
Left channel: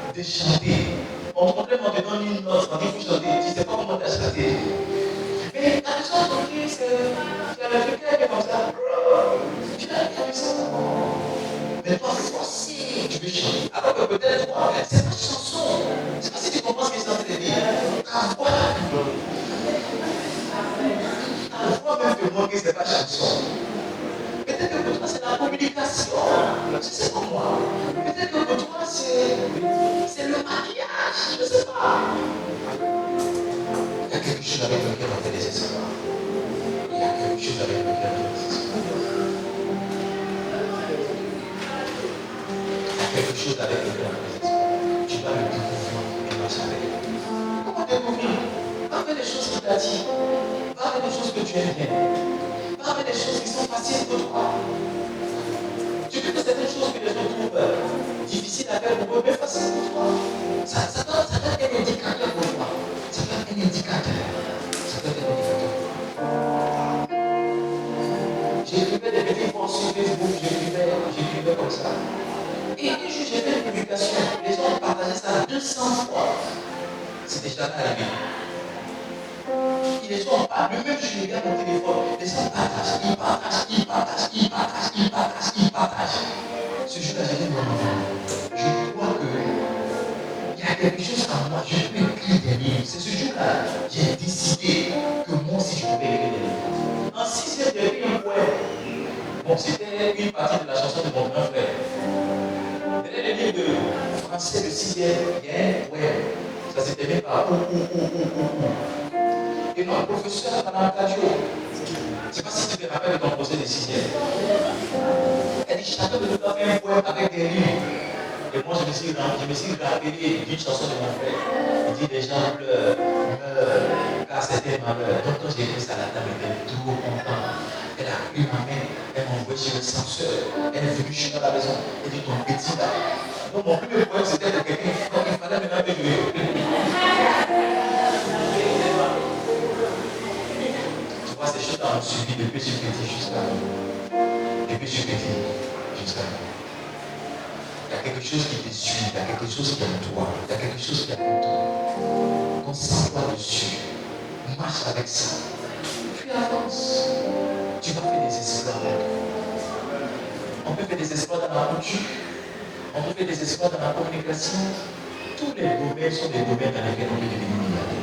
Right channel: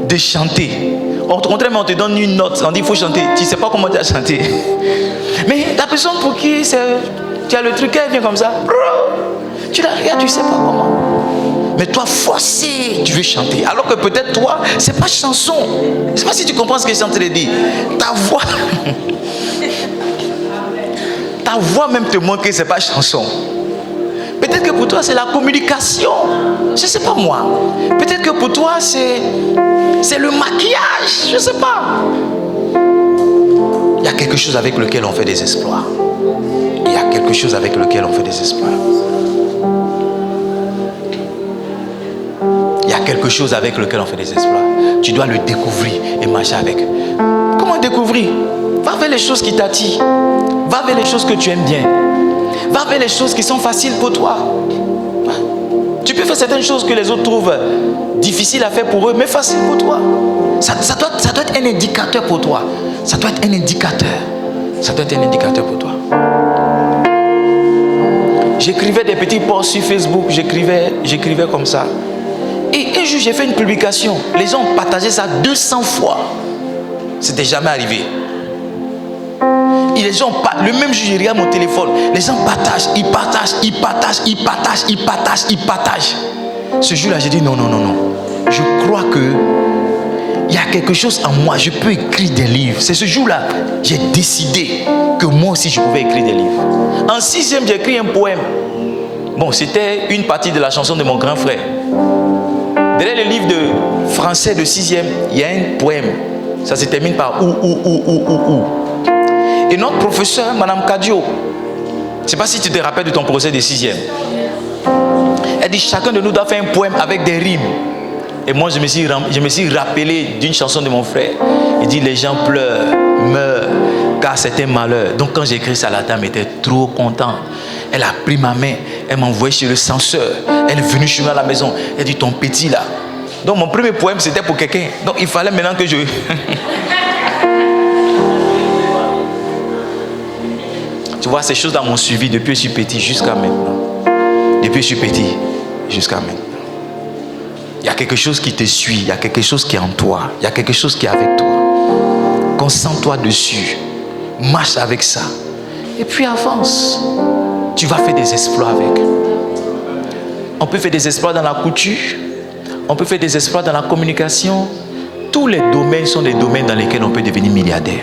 de chanter. On te donne une note, on dit il faut chanter, tu ne sais pas comment tu as chanté. Mais la personne pour qui tu as le truc, elle vient comme ça, tu la regardes, tu ne sais pas comment. Mais toi, forcé, tu veux chanter. Alors que peut-être toi, ce n'est pas chanson. Je ne sais pas si tu comprends ce que je suis en train de dire. Ta voix même te montre que ce n'est pas chanson. Peut-être que pour toi, c'est la communication. Je ne sais pas moi. Peut-être que pour toi, c'est le maquillage. Je ne sais pas. Il y a quelque chose avec lequel on fait des exploits. Il y a quelque chose avec lequel on fait des exploits. Il y a quelque chose avec lequel on fait des exploits. Tu dois le découvrir et marcher avec. Comment découvrir? Va vers les choses qui t'attirent. Va vers les choses que tu aimes bien. Va vers les choses qui sont faciles pour toi. Tu peux faire certaines choses que les autres trouvent difficiles à faire pour eux, mais faciles pour toi. Ça doit être un indicateur pour toi. Ça doit être un indicateur. Ça doit être un indicateur pour toi. J'écrivais des petits posts sur Facebook. J'écrivais comme ça. Et un jour, j'ai fait une publication. Les gens ont partagé ça 200 fois. C'était jamais arrivé. Et les gens, le même jour, je regarde mon téléphone. Les gens partagent, ils partagent. Ce jour-là, j'ai dit non. Je crois que il y a quelque chose en moi. Je peux écrire des livres. C'est ce jour-là, j'ai décidé que moi aussi, je pouvais écrire des livres. En 6e, j'ai écrit un poème. Bon, c'était une partie de la chanson de mon grand frère. Derrière le livre de français de 6e, il y a un poème. Ça se termine par ou. Et notre professeur, Madame Kadio, je ne sais pas si tu te rappelles de ton procès de 6e. Elle dit chacun de nous doit faire un poème avec des rimes. Et moi, je me suis rappelé d'une chanson de mon frère. Il dit les gens pleurent, meurent, car c'est un malheur. Donc quand j'ai écrit ça, la dame était trop contente. Elle a pris ma main, elle m'a envoyé chez le censeur. Elle est venue chez moi à la maison. Elle dit ton petit là. Donc mon premier poème c'était pour quelqu'un. Donc il fallait maintenant que je... Tu vois, ces choses-là m'ont suivi depuis que je suis petit jusqu'à maintenant. Depuis que je suis petit jusqu'à maintenant. Il y a quelque chose qui te suit, il y a quelque chose qui est en toi, il y a quelque chose qui est avec toi. Concentre-toi dessus, marche avec ça, et puis avance. Tu vas faire des exploits avec. On peut faire des exploits dans la couture, on peut faire des exploits dans la communication. Tous les domaines sont des domaines dans lesquels on peut devenir milliardaire.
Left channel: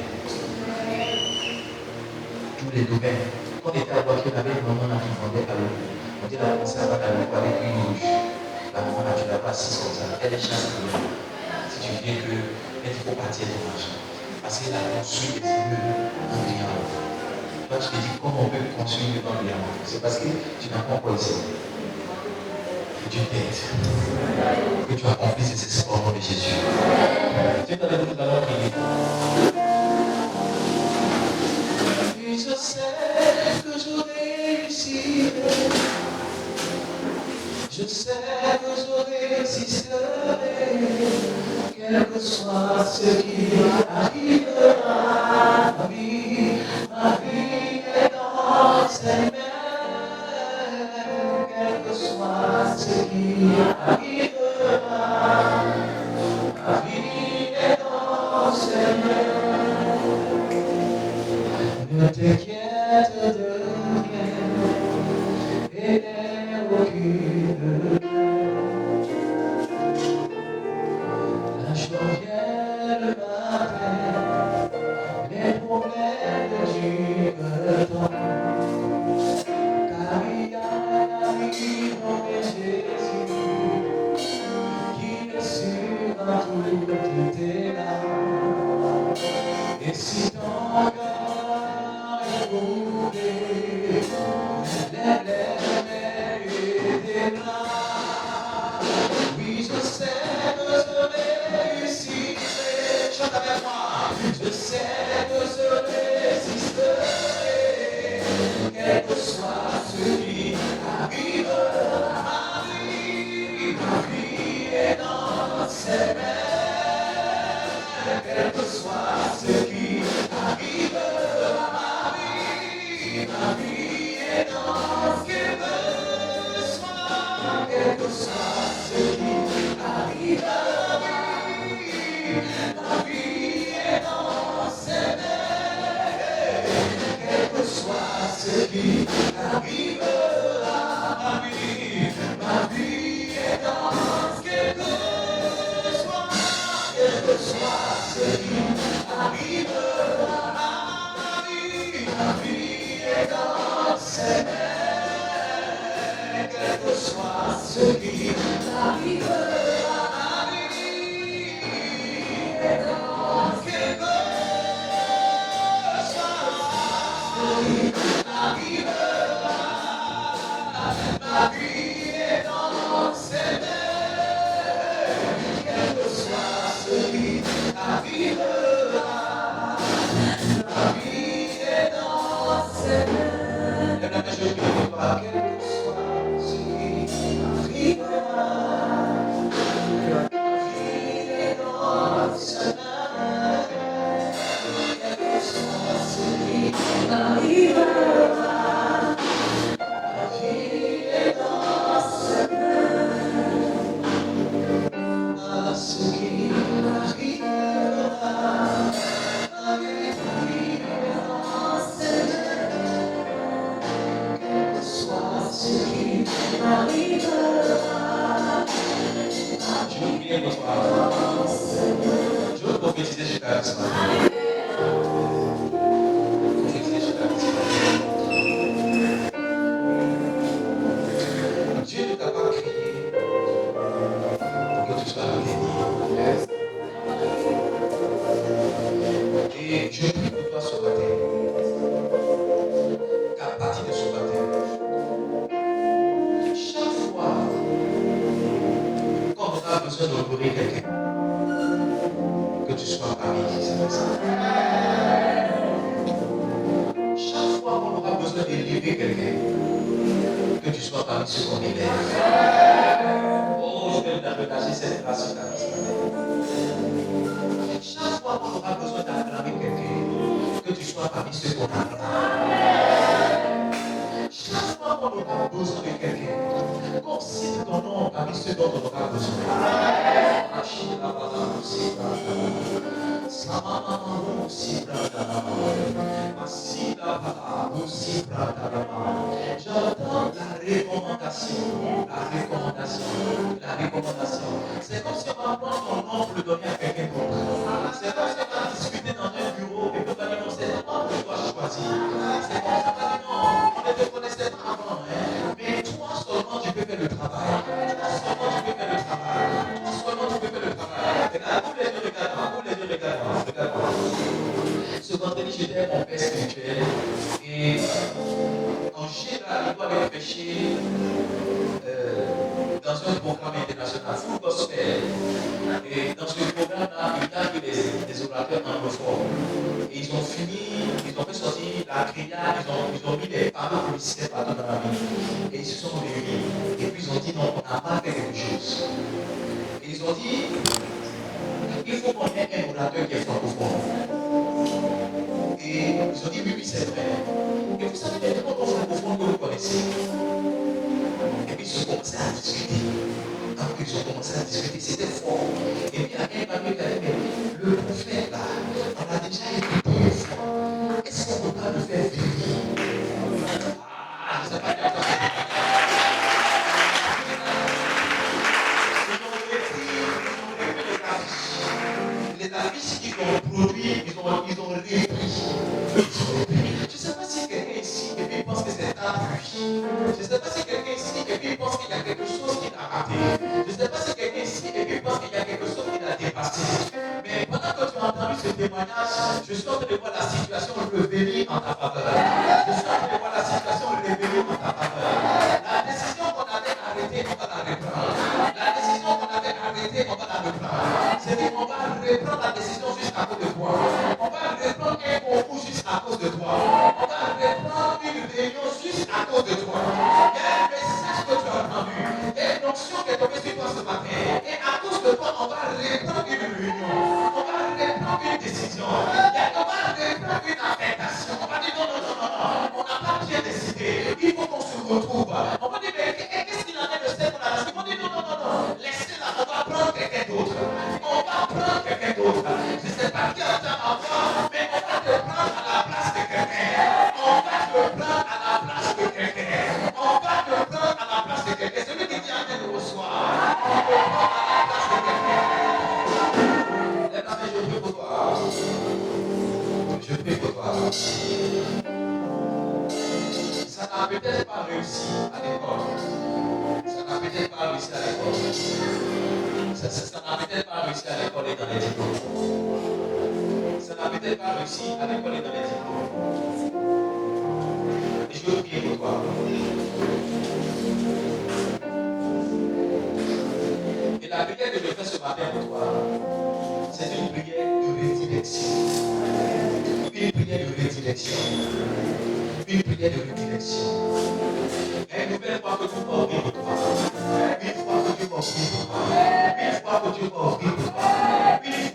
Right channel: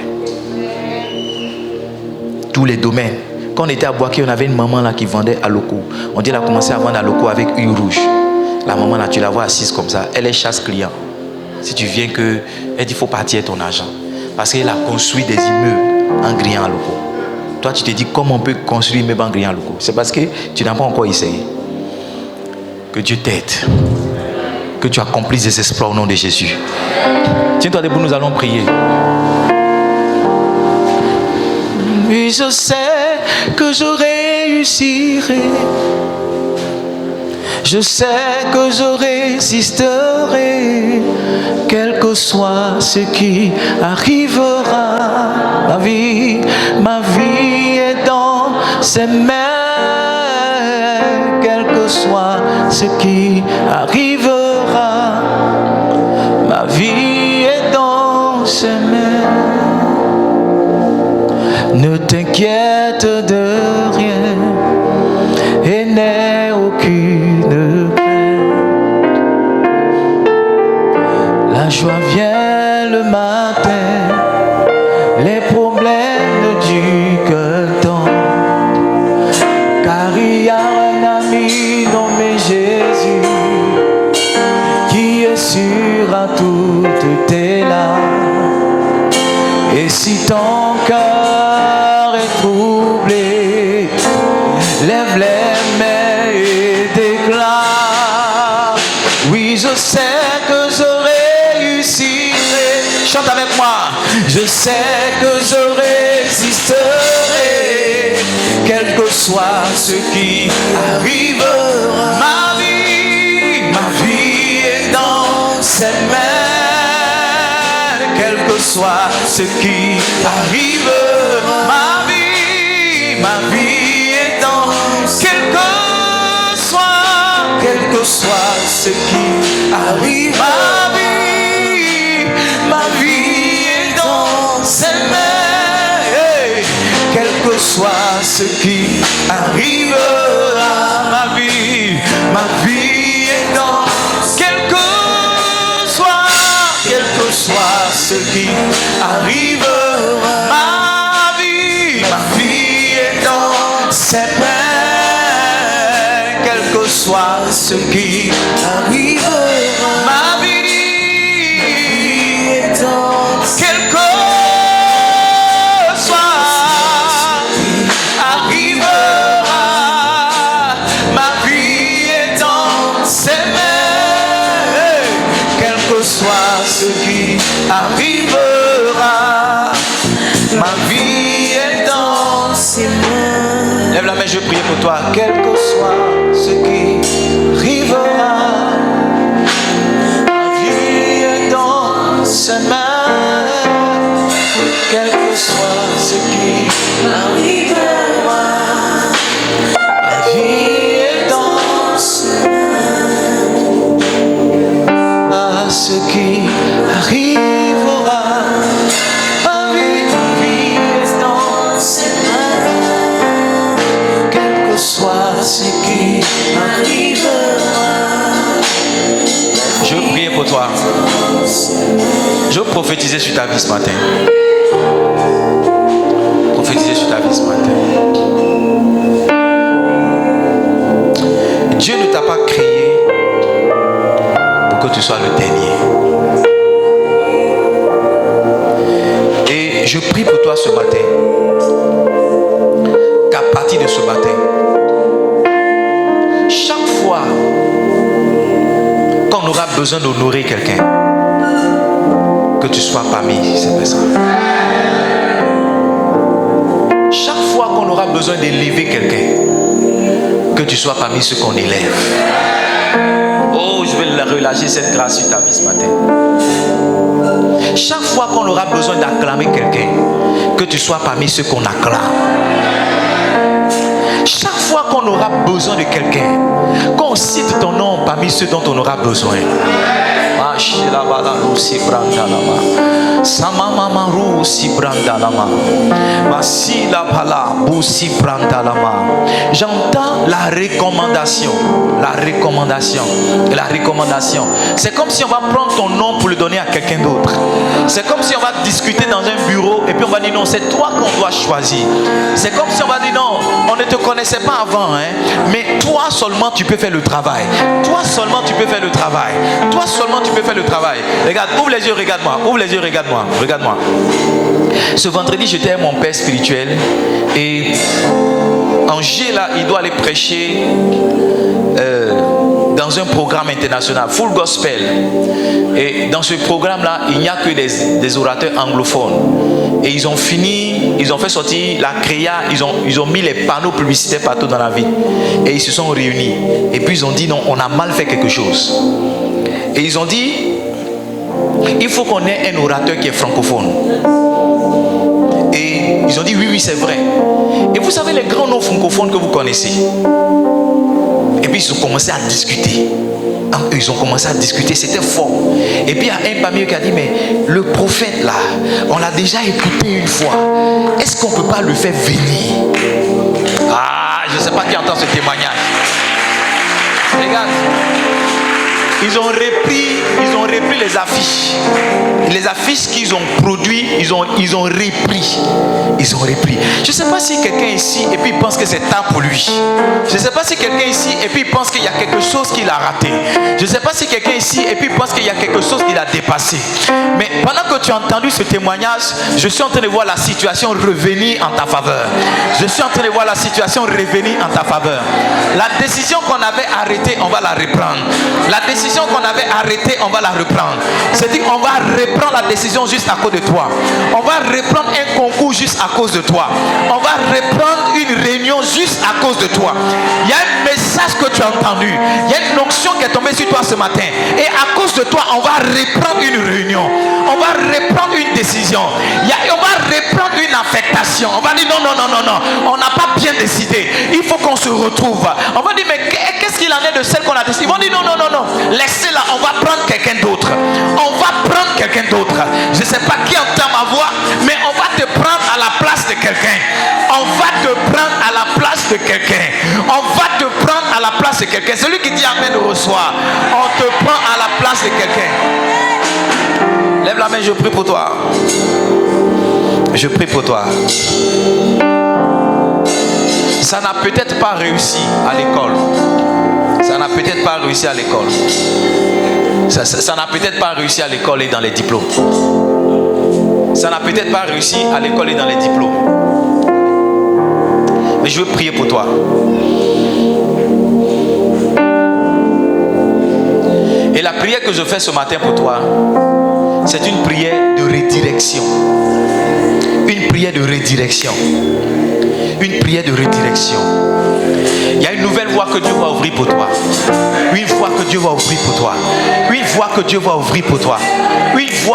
Tous les domaines. Quand on était à Boaké, on avait une maman là qui vendait à Loco. On dit qu'elle a commencé à vendre à Loco avec une rouge. La maman là, tu la vois assise comme ça. Elle est chasse client. Si tu viens que, elle dit, il faut partir ton argent. Parce qu'elle a construit des immeubles en grillant à Loco. Toi, tu te dis comment on peut construire mes banques rien. C'est parce que tu n'as pas encore essayé. Que Dieu t'aide. Que tu accomplisses des exploits au nom de Jésus. Tiens-toi debout, nous allons prier. Oui, je sais que je réussirai. Je sais que je résisterai, quel que soit ce qui arrivera. Ma vie est dans ses mains, quel que soit ce qui arrivera. Ma vie est dans ses mains. Ne t'inquiète de rien et n'aie aucune crainte. La joie vient le matin, les problèmes ne durent qu'un temps. Car il y a un ami nommé Jésus qui essuiera toutes tes larmes. Et si ton cœur est troublé, lève les mains et déclare. Oui, je sais que je réussirai. Chante avec moi. Je sais que je résisterai, quel que soit ce qui arrivera. Ma vie est dans ses mains, quel que soit ce qui arrivera. Ma vie est dans, quel que soit ce qui arrive. Ma vie est dans ses mains, hey, quel que soit ce qui arrivera. Ma vie est dans, quel que soit ce qui arrivera. Ma vie est dans ses mains, quel que soit ce qui arrivera. Ma vie est dans, quel que soit arrivera. Ma vie est dans ses mains, quel que soit ce qui arrivera. Ma vie est dans ses mains. Lève la main, je prie pour toi. Quel que soit ce qui arrivera. Ma vie est dans ses mains. Quel que soit ce qui arrivera. Ma vie est dans ses mains. À ce qui arrivera. Ma vie est dans ses mains. Quel que soit ce qui arrivera. Je prie pour toi. Je prophétisais sur ta vie ce matin. Prophétisais sur ta vie ce matin. Dieu ne t'a pas créé pour que tu sois le dernier. Et je prie pour toi ce matin, qu'à partir de ce matin, chaque fois qu'on aura besoin d'honorer quelqu'un, que tu sois parmi ces personnes. Chaque fois qu'on aura besoin d'élever quelqu'un, que tu sois parmi ceux qu'on élève. Oh, je vais relâcher cette grâce sur ta vie ce matin. Chaque fois qu'on aura besoin d'acclamer quelqu'un, que tu sois parmi ceux qu'on acclame. Chaque fois qu'on aura besoin de quelqu'un, qu'on cite ton nom parmi ceux dont on aura besoin. J'entends la recommandation. La recommandation. C'est comme si on va prendre ton nom pour le donner à quelqu'un d'autre. C'est comme si on va discuter dans un bureau et puis on va dire non, c'est toi qu'on doit choisir. C'est comme si on va dire non, on ne te connaissait pas avant, hein, mais toi seulement tu peux faire le travail. Toi seulement tu peux faire le travail. Toi seulement tu peux faire le travail. Regarde, ouvre les yeux, regarde-moi. Ouvre les yeux, regarde-moi. Regarde-moi. Ce vendredi, j'étais avec mon père spirituel et Angers, là, il doit aller prêcher dans un programme international, Full Gospel. Et dans ce programme-là, il n'y a que des orateurs anglophones. Et ils ont fini, ils ont fait sortir la créa, ils ont mis les panneaux publicitaires partout dans la ville. Et ils se sont réunis. Et puis ils ont dit non, on a mal fait quelque chose. Et ils ont dit, il faut qu'on ait un orateur qui est francophone. Et ils ont dit oui, c'est vrai. Et vous savez les grands noms francophones que vous connaissez. Et puis ils ont commencé à discuter. Ils ont commencé à discuter, c'était fort. Et puis il y a un parmi eux qui a dit, mais le prophète là, on l'a déjà écouté une fois. Est-ce qu'on ne peut pas le faire venir? Ah, je ne sais pas qui entend ce témoignage. Regarde. Ils ont repris les affiches. Les affiches qu'ils ont produites, ils ont repris. Ils ont repris. Je ne sais pas si quelqu'un ici et puis il pense que c'est tard pour lui. Je ne sais pas si quelqu'un ici et puis il pense qu'il y a quelque chose qu'il a raté. Je ne sais pas si quelqu'un ici et puis il pense qu'il y a quelque chose qu'il a dépassé. Mais pendant que tu as entendu ce témoignage, je suis en train de voir la situation revenir en ta faveur. Je suis en train de voir la situation revenir en ta faveur. La décision qu'on avait arrêtée, on va la reprendre. La décision qu'on avait arrêtée, on va la reprendre. C'est-à-dire qu'on va reprendre la décision juste à cause de toi. On va reprendre un concours juste à cause de toi. On va reprendre une réunion juste à cause de toi. Il y a un message que tu as entendu. Il y a une onction qui est tombée sur toi ce matin. Et à cause de toi, on va reprendre une réunion. On va reprendre une décision. On va reprendre une affectation. On va dire non. On n'a pas bien décidé. Il faut qu'on se retrouve. On va dire mais qu'est-ce qu'il en est de celle qu'on a décidé? Ils vont dire non. Laissez-la, on va prendre quelqu'un d'autre. On va prendre quelqu'un d'autre. Je ne sais pas qui entend ma voix, mais on va te prendre à la place de quelqu'un. On va te prendre à la place de quelqu'un. On va te prendre à la place de quelqu'un. Celui qui dit amen reçoit. On te prend à la place de quelqu'un. Lève la main, je prie pour toi. Je prie pour toi. Ça n'a peut-être pas réussi à l'école. Ça n'a peut-être pas réussi à l'école. Ça n'a peut-être pas réussi à l'école et dans les diplômes. Ça n'a peut-être pas réussi à l'école et dans les diplômes. Mais je veux prier pour toi. Et la prière que je fais ce matin pour toi, c'est une prière de redirection. Une prière de redirection. Une prière de redirection. Il y a une nouvelle voie que Dieu va ouvrir pour toi. Une voie que Dieu va ouvrir pour toi. Une voie que Dieu va ouvrir pour toi. Une voie